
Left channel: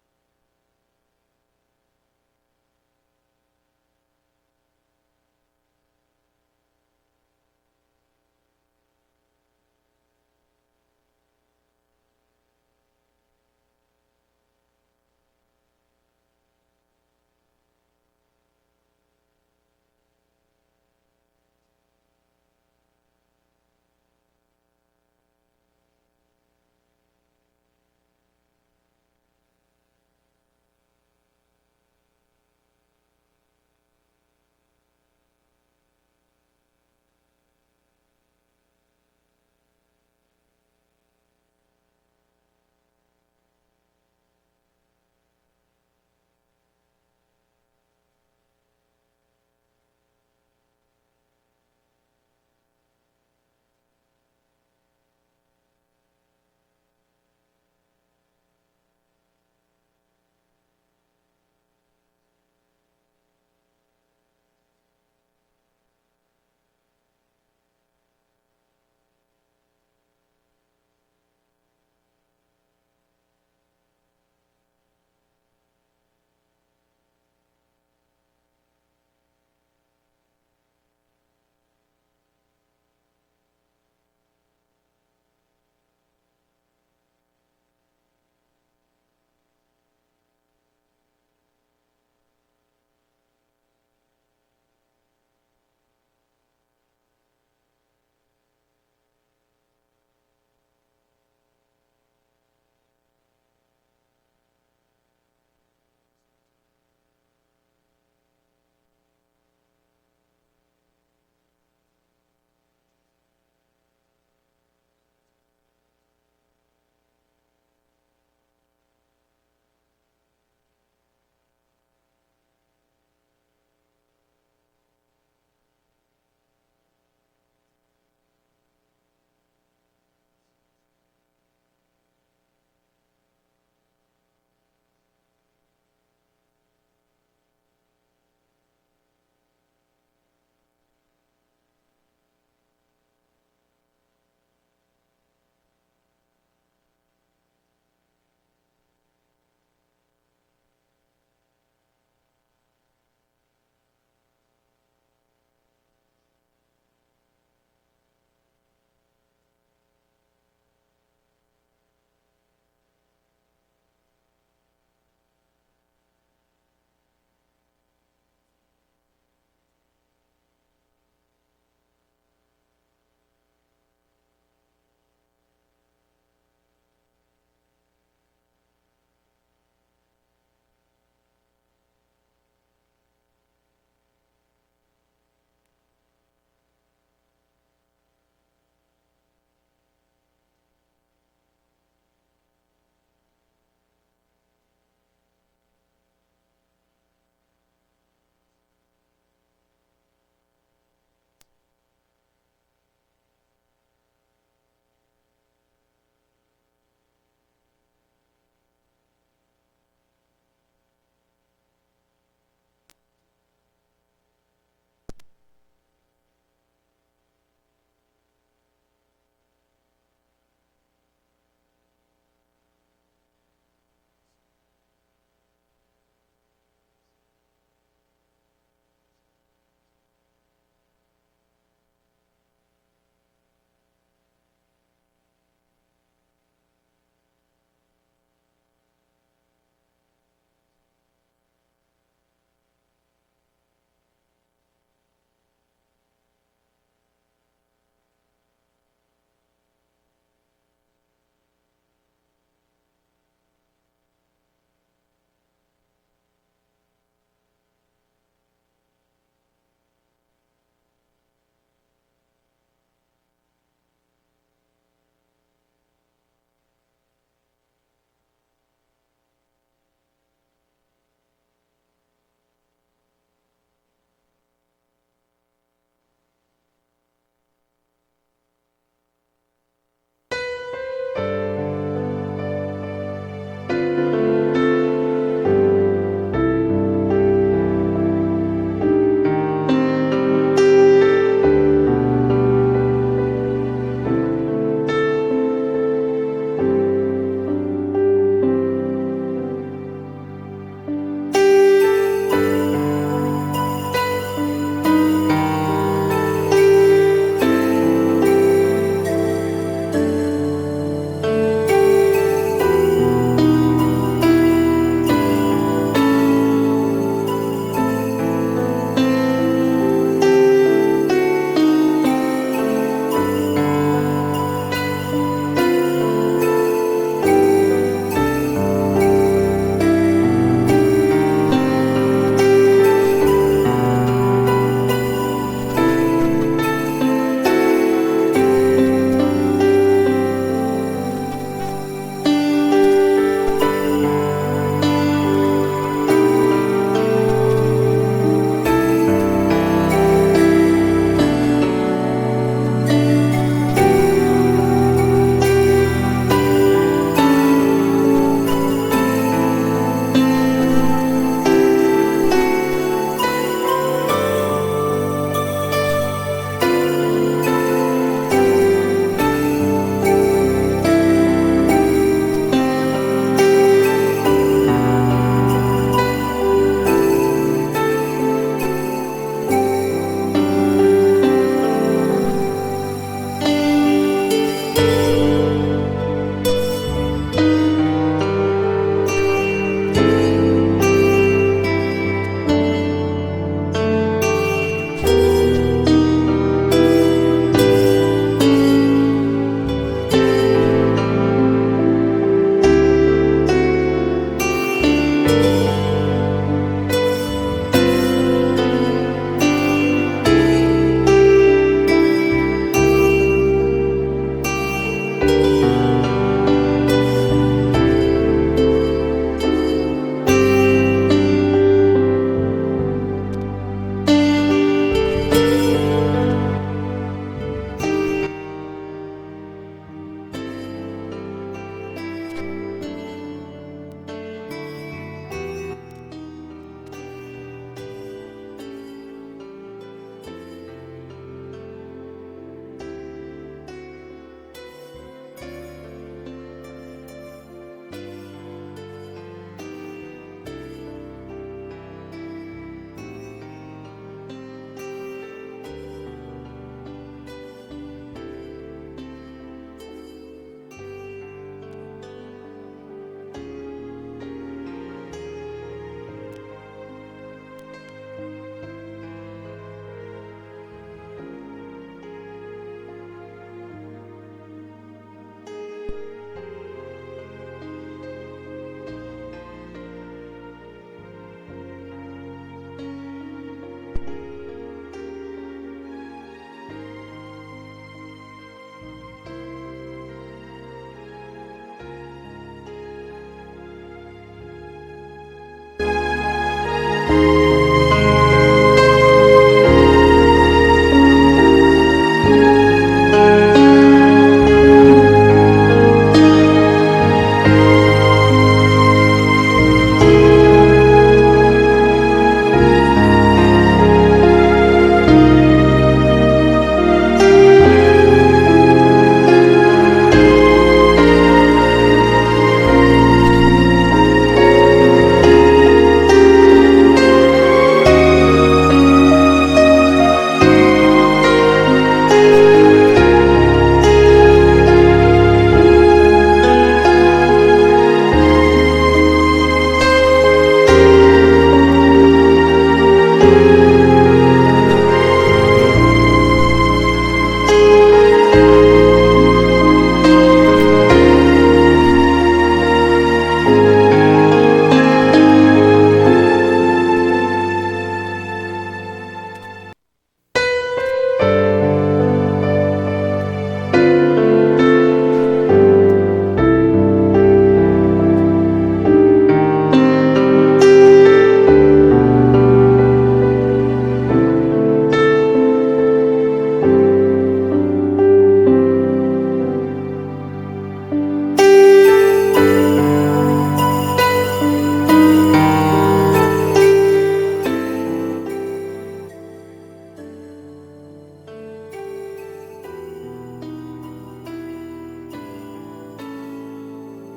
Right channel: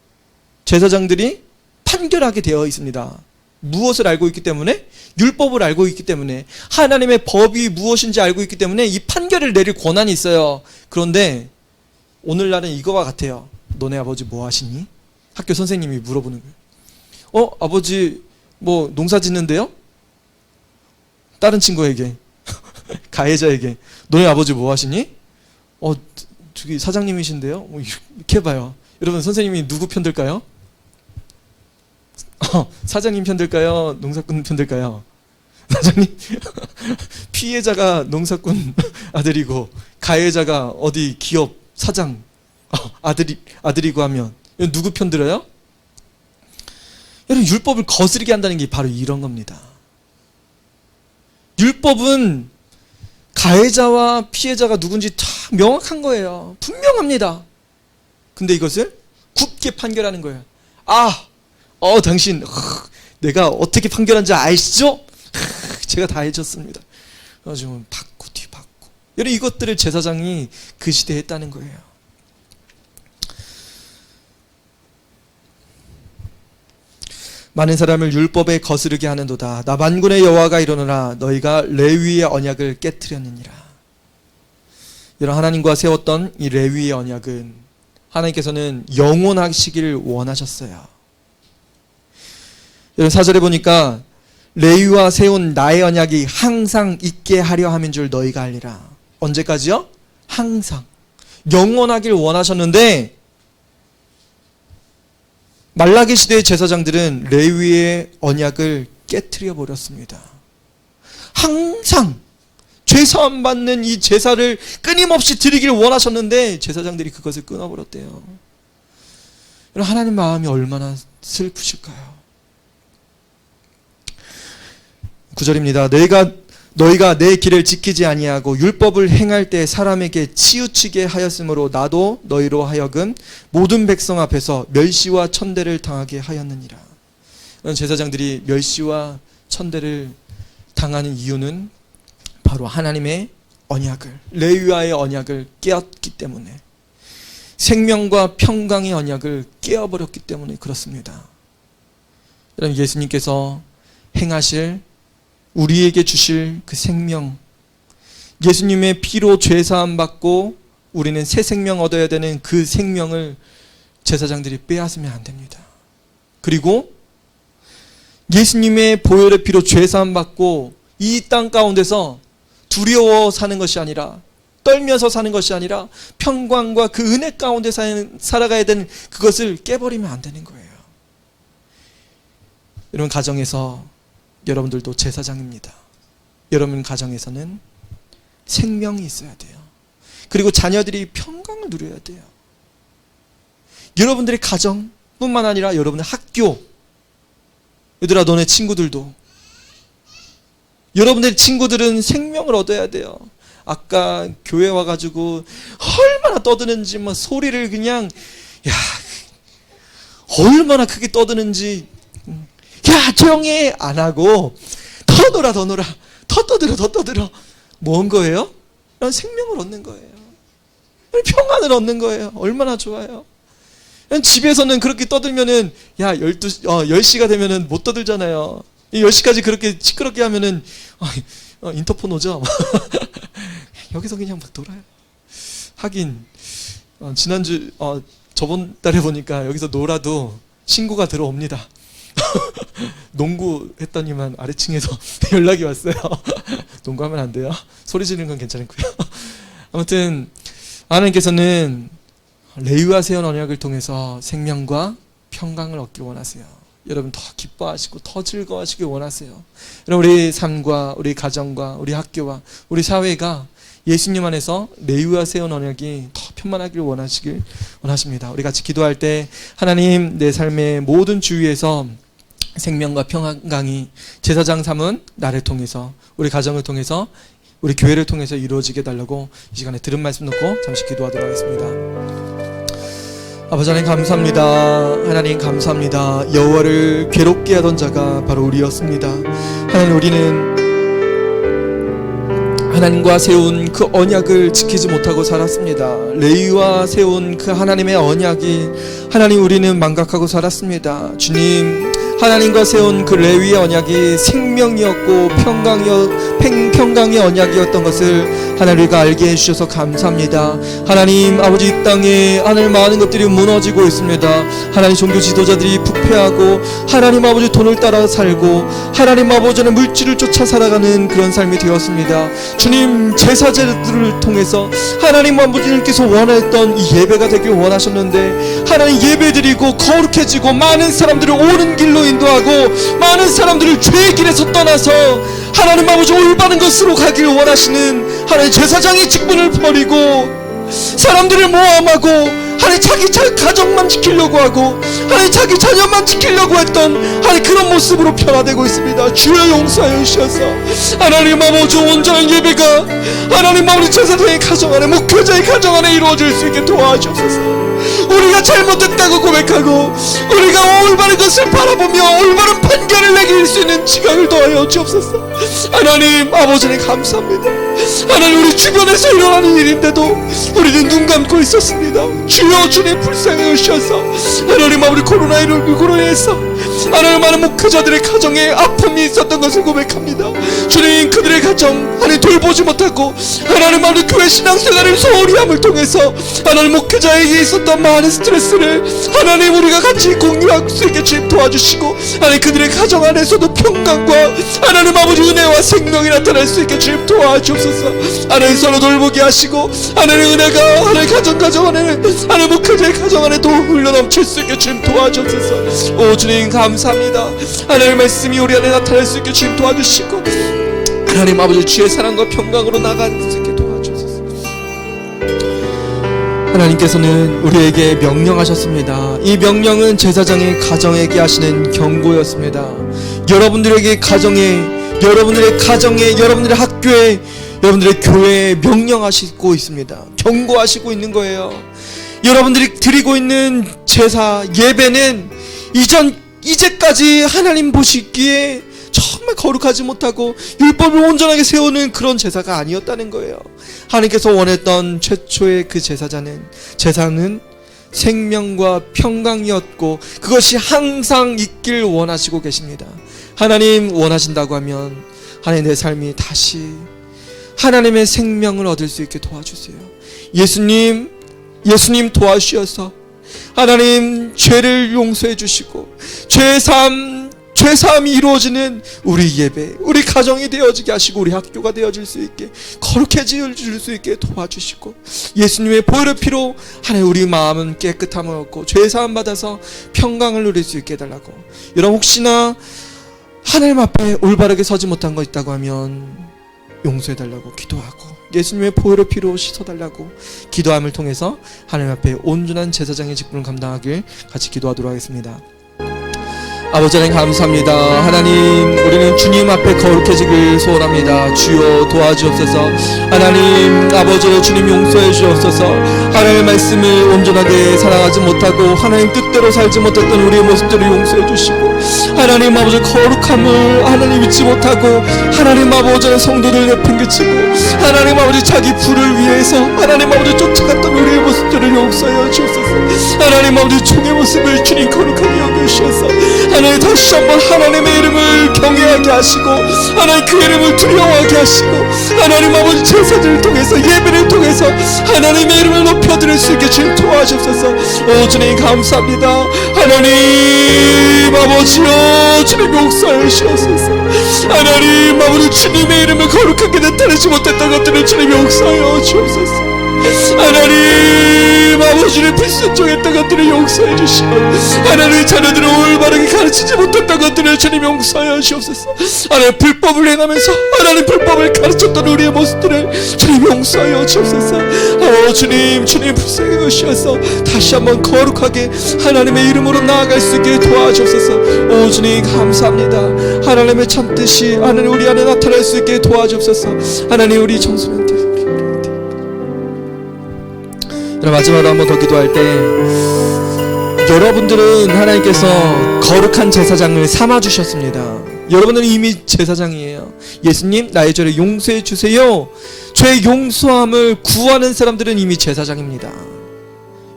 제사장들이 판결하게 되어 있습니다. 무엇을 알고 있기 때문에? 율법을 알고 있기 때문에, 하나님의 법이 무엇인지 알고 있기 때문에 이 판결을 내릴 권한이 있어요. 그런데 오늘날은 이거와 같아요. 너네 아버지 뭐 하시니? 학교 선생님이 물어보는 거예요. 아버지 뭐 농사 짓는데요? 다른 친구에게 가해자에게 너네 아버지 뭐 하시니? 저기 사장님이신데요? 뭐 이렇게 해봐요. 여러분 선생님이 누구 편들까요? 사장님 편들까요? 농사꾼 편들까요? 사장님. 피해자가 농사꾼 아들이고 가해자가 어디 기업 사장 아들이고 하면 누구 편들어요? 여러분 율법을 거스르게 한다는 게 바로 이런 겁니다. 율법은 가해자와 피해자가 누군지 다 명확한 거예요. 분명합니다. 근데 이것을 굳게 판결하는 거예요. 당신 내가 어떻게 판결한지 아시죠? 제가 다 해줬습니다. 그래가지고 받고 뒤받고. 여러분 이것들을 제사장이 그 시대에 했다는 거예요. 많은 사람을 율법에 거스르게 하는도다. 나 만군의 여호와가 이르노라. 너희가 레위의 언약을 깨트렸느니라. 여러분 하나님과 세웠던 이 레위의 언약은 하나님께서는 영원하시기를 원하셨어요. 여러분 4절에 보니까 레위와 세운 나의 언약이 항상 있게 하려 함인 줄 너희가 알리라. 언제까지요? 항상. 영원하길 원하셨는데 말라기 시대의 제사장들은 레위의 언약을 깨트려 버렸습니다. 항상 죄사함 받는 이 제사를 끊임없이 드리길 원하셨는데 제사장들이 그것을 끊어버렸대요. 하나님 마음이 얼마나 슬프실까요? 9절입니다. 너희가 내 길을 지키지 아니하고 율법을 행할 때 사람에게 치우치게 하였으므로 나도 너희로 하여금 모든 백성 앞에서 멸시와 천대를 당하게 하였느니라. 제사장들이 멸시와 천대를 당하는 이유는 바로 하나님의 언약을, 레위와의 언약을 깨었기 때문에, 생명과 평강의 언약을 깨어버렸기 때문에 그렇습니다. 여러분, 예수님께서 행하실, 우리에게 주실 그 생명, 예수님의 피로 죄사함 받고 우리는 새 생명 얻어야 되는 그 생명을 제사장들이 빼앗으면 안 됩니다. 그리고 예수님의 보혈의 피로 죄사함 받고 이 땅 가운데서 두려워 사는 것이 아니라, 떨면서 사는 것이 아니라 평강과 그 은혜 가운데 살아가야 되는 그것을 깨버리면 안 되는 거예요. 여러분, 가정에서 여러분들도 제사장입니다. 여러분 가정에서는 생명이 있어야 돼요. 그리고 자녀들이 평강을 누려야 돼요. 여러분들의 가정뿐만 아니라 여러분의 학교, 얘들아 너네 친구들도, 여러분들의 친구들은 생명을 얻어야 돼요. 아까 교회 와가지고 얼마나 떠드는지, 뭐 소리를 그냥, 야, 얼마나 크게 떠드는지, 야 조용히 안 하고 더 놀아 더 떠들어. 뭔 거예요? 생명을 얻는 거예요. 평안을 얻는 거예요. 얼마나 좋아요. 집에서는 그렇게 떠들면은, 야 10시가 되면은 못 떠들잖아요. 10시까지 그렇게 시끄럽게 하면은 인터폰 오죠. 여기서 그냥 막 놀아요. 하긴 지난주 저번 달에 보니까 여기서 놀아도 신고가 들어옵니다. 농구 했더니만 아래층에서 연락이 왔어요. 농구하면 안 돼요. 소리 지르는 건 괜찮고요. 아무튼 하나님께서는 레위와 세운 언약을 통해서 생명과 평강을 얻길 원하세요. 여러분 더 기뻐하시고 더 즐거워하시길 원하세요. 여러분, 우리 삶과 우리 가정과 우리 학교와 우리 사회가 예수님 안에서 레위와 세운 언약이 더 편만하길 원하십니다. 우리 같이 기도할 때, 하나님, 내 삶의 모든 주위에서 생명과 평강이 제사장 삼은 나를 통해서, 우리 가정을 통해서, 우리 교회를 통해서 이루어지게 달라고 이 시간에 들은 말씀 놓고 잠시 기도하도록 하겠습니다. 아버지 하나님 감사합니다. 하나님 감사합니다. 여호와를 괴롭게 하던 자가 바로 우리였습니다. 하나님, 우리는 하나님과 세운 그 언약을 지키지 못하고 살았습니다. 레위와 세운 그 하나님의 언약이, 하나님, 우리는 망각하고 살았습니다. 주님, 하나님과 세운 그 레위의 언약이 생명이었고 평강의 언약이었던 것을 하나님 우리가 알게 해주셔서 감사합니다. 하나님 아버지, 이 땅에 하나님 많은 것들이 무너지고 있습니다. 하나님 종교 지도자들이 부패하고, 하나님 아버지 돈을 따라 살고, 하나님 아버지는 물질을 쫓아 살아가는 그런 삶이 되었습니다. 주님, 제사제들을 통해서 하나님 아버지님께서 원했던 이 예배가 되길 원하셨는데, 하나님 예배드리고 거룩해지고 많은 사람들을 옳은 길로 인도하고 많은 사람들을 죄의 길에서 떠나서 하나님 아버지 올바른 것으로 가길 원하시는 하나님 제사장의 직분을 버리고 사람들을 모함하고 하나님 자기 가정만 지키려고 하고 하나님 자기 자녀만 지키려고 했던 하나님 그런 모습으로 변화되고 있습니다. 주여 용서하여 주셔서 하나님 아버지 온전한 예배가 하나님 아버지 제사장의 가정 안에, 목회자의 가정 안에 이루어질 수 있게 도와주옵소서. 우리가 잘못됐다고 고백하고 우리가 올바른 것을 바라보며 올바른 판결을 내릴 수 있는 지각을 더하여 주옵소서. 하나님 아버지는 감사합니다. 하나님, 우리 주변에서 일어나는 일인데도 우리는 눈 감고 있었습니다. 주여, 주님 불쌍히 여주셔서 하나님 아버지 코로나19로 인해서 하나님 많은 목회자들의 가정에 아픔이 있었던 것을 고백합니다. 주님, 그들의 가정 하나님 돌보지 못하고 하나님 아버지 교회 신앙생활의 소홀함을 통해서 하나님 목회자에게 있었던 많은 스트레스를 하나님 우리가 같이 공유할 수 있게 주님 도와주시고, 하나님 그들의 가정 안에서도 평강과 하나님 아버지 은혜와 생명이 나타날 수 있게 주님 도와주옵소서. 하나님 서로 돌보게 하시고 하나님 은혜가 하나님 가정 안에 하나님 목회자의 가정 안에도 흘러넘칠 수 있게 주님 도와주옵소서. 오 주님 감사합니다. 하나님의 말씀이 우리 안에 나타날 수 있게 주님 도와주시고, 하나님 아버지 주의 사랑과 평강으로 나아갈 수 있게 도와주소서. 하나님께서는 우리에게 명령하셨습니다. 이 명령은 제사장의 가정에게 하시는 경고였습니다. 여러분들에게 여러분들의 가정에, 여러분들의 학교에, 여러분들의 교회에 명령하시고 있습니다. 경고하시고 있는 거예요. 여러분들이 드리고 있는 제사, 예배는 이제까지 하나님 보시기에 정말 거룩하지 못하고 율법을 온전하게 세우는 그런 제사가 아니었다는 거예요. 하나님께서 원했던 최초의 그 제사는 생명과 평강이었고 그것이 항상 있길 원하시고 계십니다. 하나님 원하신다고 하면 하나님 내 삶이 다시 하나님의 생명을 얻을 수 있게 도와주세요. 예수님 도와주셔서 하나님 죄를 용서해 주시고 죄사함이 이루어지는 우리 예배, 우리 가정이 되어지게 하시고 우리 학교가 되어질 수 있게 거룩해질 수 있게 도와주시고 예수님의 보혈의 피로 하나님 우리 마음은 깨끗함을 얻고 죄사함 받아서 평강을 누릴 수 있게 해달라고. 여러분 혹시나 하나님 앞에 올바르게 서지 못한 거 있다고 하면 용서해달라고 기도하고 예수님의 보혈의 피로 씻어달라고 기도함을 통해서 하나님 앞에 온전한 제사장의 직분을 감당하길 같이 기도하도록 하겠습니다. 아버지 하나님 감사합니다. 하나님 우리는 주님 앞에 거룩해지길 소원합니다. 주여 도와주옵소서. 하나님 아버지 주님 용서해 주옵소서. 하나님의 말씀을 온전하게 사랑하지 못하고 하나님 뜻대로 살지 못했던 우리의 모습들을 용서해 주시고 하나님 아버지 거룩함을 하나님 잊지 못하고 하나님 아버지의 성도를 내팽개치고 하나님 아버지 자기 부를 위해서 하나님 아버지 쫓아갔던 우리의 모습들을 용서해 주옵소서. 하나님 아버지 종의 모습을 주님 거룩하게 여기셔서 하나님 다시 한번 하나님의 이름을 경외하게 하시고 하나님 그 이름을 두려워하게 하시고 하나님 아버지 제사를 통해서 예배를 통해서 하나님의 이름을 높여드릴 수 있게 주님 도와주옵소서. 오 주님 감사합니다. 하나님 아버지여 주님 용서해 주옵소서. 하나님 아버지 주님의 이름을 거룩하게 나타내지 못했던 것들을 주님 용서해 주옵소서. 하나님 아버지를 불순종했던 것들을 용서해 주시고 하나님 자녀들을 올바르게 가르치지 못했던 것들을 주님 용서해 주옵소서. 하나님 불법을 행하면서 하나님 불법을 가르쳤던 우리의 모습들을 주님 용서해 주옵소서. 주님 불쌍히 여기셔서 다시 한번 거룩하게 하나님의 이름으로 나아갈 수 있게 도와주옵소서. 주님 감사합니다. 하나님의 참뜻이 하나님 우리 안에 나타날 수 있게 도와주옵소서. 하나님 우리 청소년들 마지막으로 한번 더 기도할 때 여러분들은 하나님께서 거룩한 제사장을 삼아주셨습니다. 여러분은 이미 제사장이에요. 예수님 나의 죄를 용서해 주세요. 죄 용서함을 구하는 사람들은 이미 제사장입니다.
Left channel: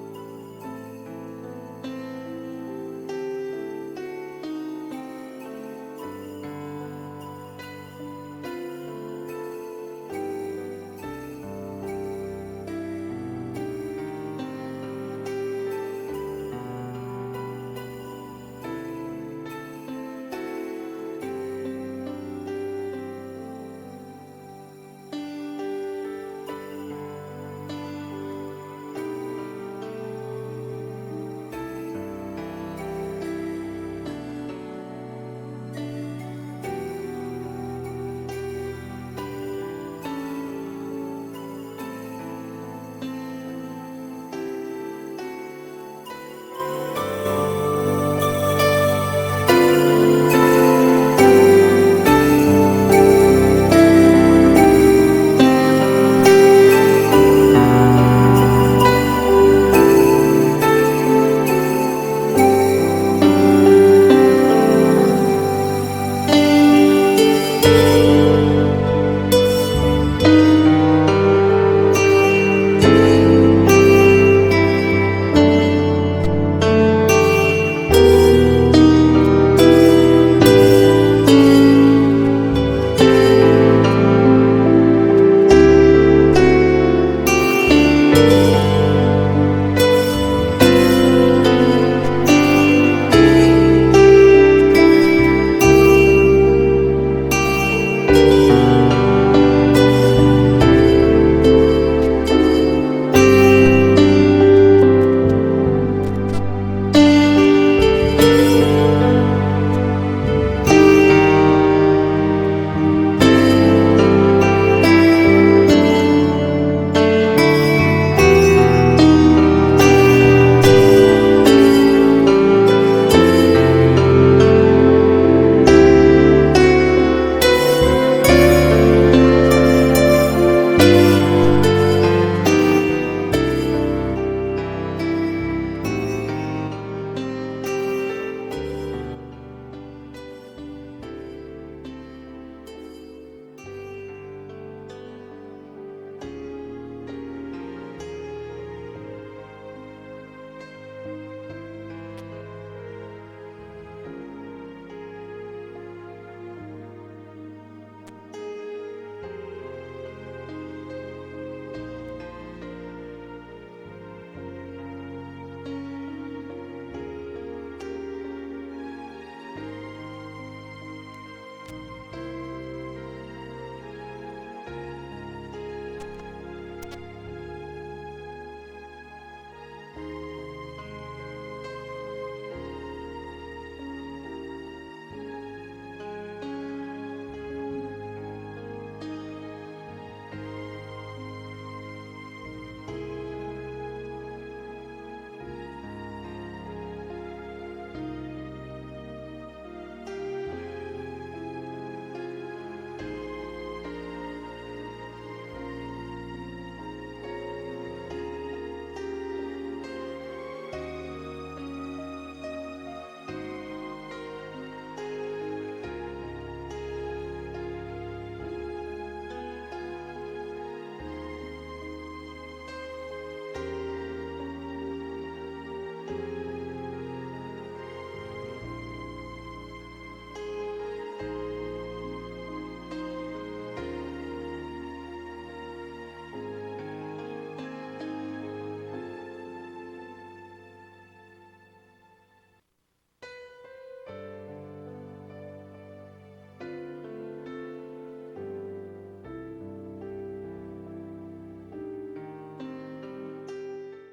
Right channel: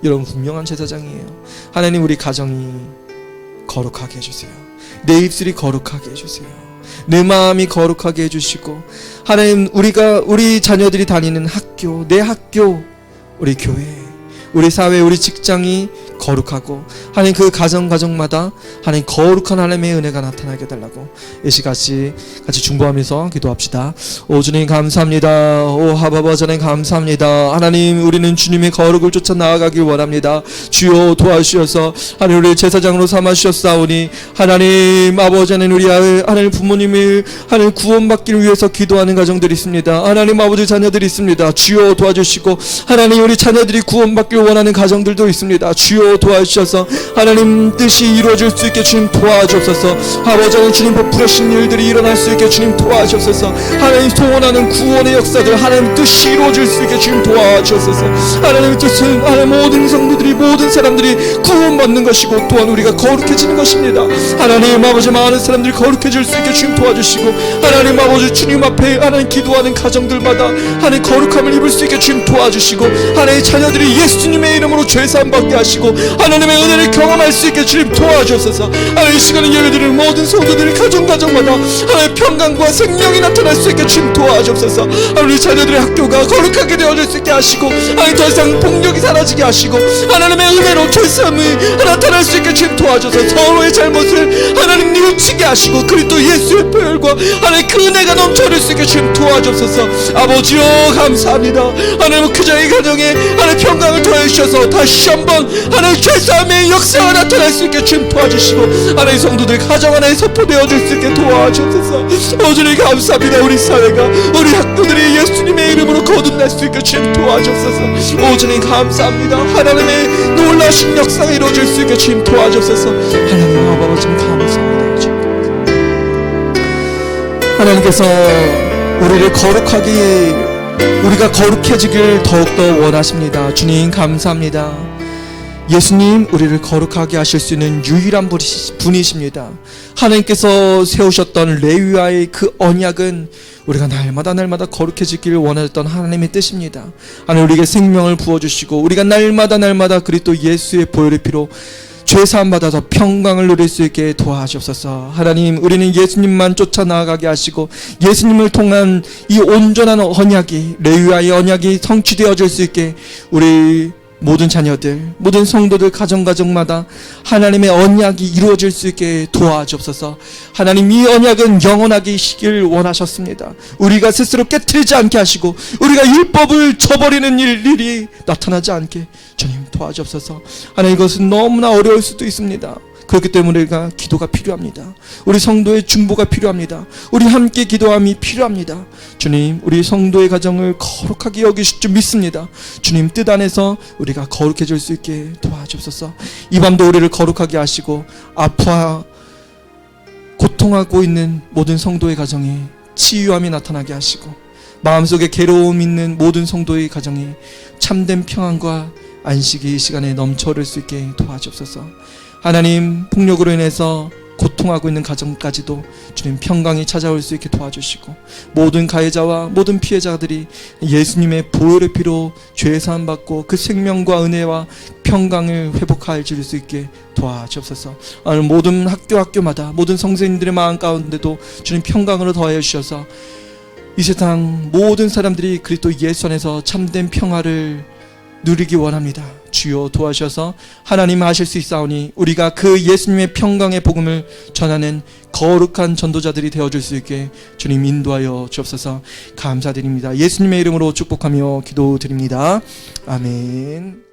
여러분 분명한 제사장이에요. 하나님 우리 가정이 거룩하게 해주세요. 내 입술이 거룩하게 해주세요. 내 마음이 거룩하게 해주시고 하나님 우리 자녀들이 다니는 학교, 내 학교, 우리 교회, 우리 사회, 우리 직장이 거룩하고 하나님 그 가정마다 하나님 거룩한 하나님의 은혜가 나타나게 해달라고 이 시같이 같이 중보하면서 기도합시다. 오 주님 감사합니다. 오 하바바 주님 감사합니다. 하나님 우리는 주님의 거룩을 쫓아 나아가길 원합니다. 주여 도와주셔서 하나님 우리 제사장으로 삼아주셨사오니 하나님 아버지 하나님 우리 하나님 부모님을 하나님 구원받기를 위해서 기도하는 가정들이 있습니다. 하나님 아버지 자녀들이 있습니다. 주여 도와주시고 하나님 우리 자녀들이 구원받기를 원하는 가정들도 있습니다. 주여 도와주셔서 하나님 뜻이 이루어질 수 있게 주님 도와주옵소서. 아버지 하나님 주님 베푸신 일들이 일어날 수 있게 주님 도와주옵소서. 하나님 소원하는 구원의 역사들 하나님 뜻이 이루어질 수 있게 주님 도와주옵소서. 하나님 뜻은 하나님 모든 성도들이 모든 사람들이 구원받는 것이고 또한 우리가 거룩해지는 것입니다. 하나님 아버지 많은 사람들이 거룩해질 수 있게 주님 도와주시고 하나님 아버지 주님 앞에 하나님 기도하는 가정들마다 하나님 거룩함을 입을 수 있게 주님 도와주시고 하나님 자녀들이 예수님의 이름으로 죄사함 받게 하시고 하나님의 은혜를 경험할 수 있게 주님 도와주옵소서. 하나님 이 시간에 예배드리는 모든 성도들이 가정마다 하나님 평강과 생명이 나타날 수 있게 주님 도와주옵소서. 하나님 자녀들의 학교가 거룩하게 되어질 수 있게 하시고 하나님 더 이상 폭력이 사라지게 하시고 하나님의 은혜로 죄사함이 나타날 수 있게 주님 도와주옵소서. 서로의 잘못을 하나님 뉘우치게 하시고 그리스도 예수의 보혈과 하나님 그 은혜가 넘쳐날 수 있게 주님 도와주옵소서. 아버지여 감사합니다. 하나님 그자의 가정에 하나님 평강을 더해 주셔서 다시 한번 하나님 죄사함의 역사가 나타날 수 있게 주님 도와주시고 하나님 성도들 가정 안에 선포되어질 수 있게 도와주셔서 주님 감사합니다. 우리 사회가 우리 학교들이 예수님의 이름으로 거듭날 수 있게 주님 도와주셔서 주님 감사합니다. 하나님의 놀라신 역사가 이루어질 수 있게 주님 도와주셔서 하나님 아버지 감사합니다. 주님. 하나님께서 우리를 우리가 거룩해지길 더욱더 원하십니다. 주님 감사합니다. 예수님 우리를 거룩하게 하실 수 있는 유일한 분이십니다. 하나님께서 세우셨던 레위와의 그 언약은 우리가 날마다 거룩해지기를 원하셨던 하나님의 뜻입니다. 하나님 우리에게 생명을 부어주시고 우리가 날마다 그리스도 예수의 보혈의 피로 죄사함 받아서 평강을 누릴 수 있게 도와주옵소서. 하나님 우리는 예수님만 쫓아 나아가게 하시고 예수님을 통한 이 온전한 언약이 레위와의 언약이 성취되어질 수 있게 우리 모든 자녀들 모든 성도들 가정마다 하나님의 언약이 이루어질 수 있게 도와주옵소서. 하나님 이 언약은 영원하게 시길 원하셨습니다. 우리가 스스로 깨트리지 않게 하시고 우리가 율법을 저버리는 일이 나타나지 않게 주님 도와주옵소서. 하나님 이것은 너무나 어려울 수도 있습니다. 그렇기 때문에 우리가 기도가 필요합니다. 우리 성도의 중보가 필요합니다. 우리 함께 기도함이 필요합니다. 주님 우리 성도의 가정을 거룩하게 여기실 줄 믿습니다. 주님 뜻 안에서 우리가 거룩해질 수 있게 도와주옵소서. 이 밤도 우리를 거룩하게 하시고 아파 고통하고 있는 모든 성도의 가정에 치유함이 나타나게 하시고 마음속에 괴로움 있는 모든 성도의 가정에 참된 평안과 안식이 이 시간에 넘쳐흐를 수 있게 도와주옵소서. 하나님 폭력으로 인해서 고통하고 있는 가정까지도 주님 평강이 찾아올 수 있게 도와주시고 모든 가해자와 모든 피해자들이 예수님의 보혈의 피로 죄사함 받고 그 생명과 은혜와 평강을 회복할 수 있게 도와주옵소서. 오늘 모든 학교마다 모든 성도님들의 마음 가운데도 주님 평강으로 더하여 주셔서 이 세상 모든 사람들이 그리스도 예수 안에서 참된 평화를 누리기 원합니다. 주여 도와주셔서 하나님 하실 수 있사오니 우리가 그 예수님의 평강의 복음을 전하는 거룩한 전도자들이 되어줄 수 있게 주님 인도하여 주옵소서. 감사드립니다. 예수님의 이름으로 축복하며 기도드립니다. 아멘.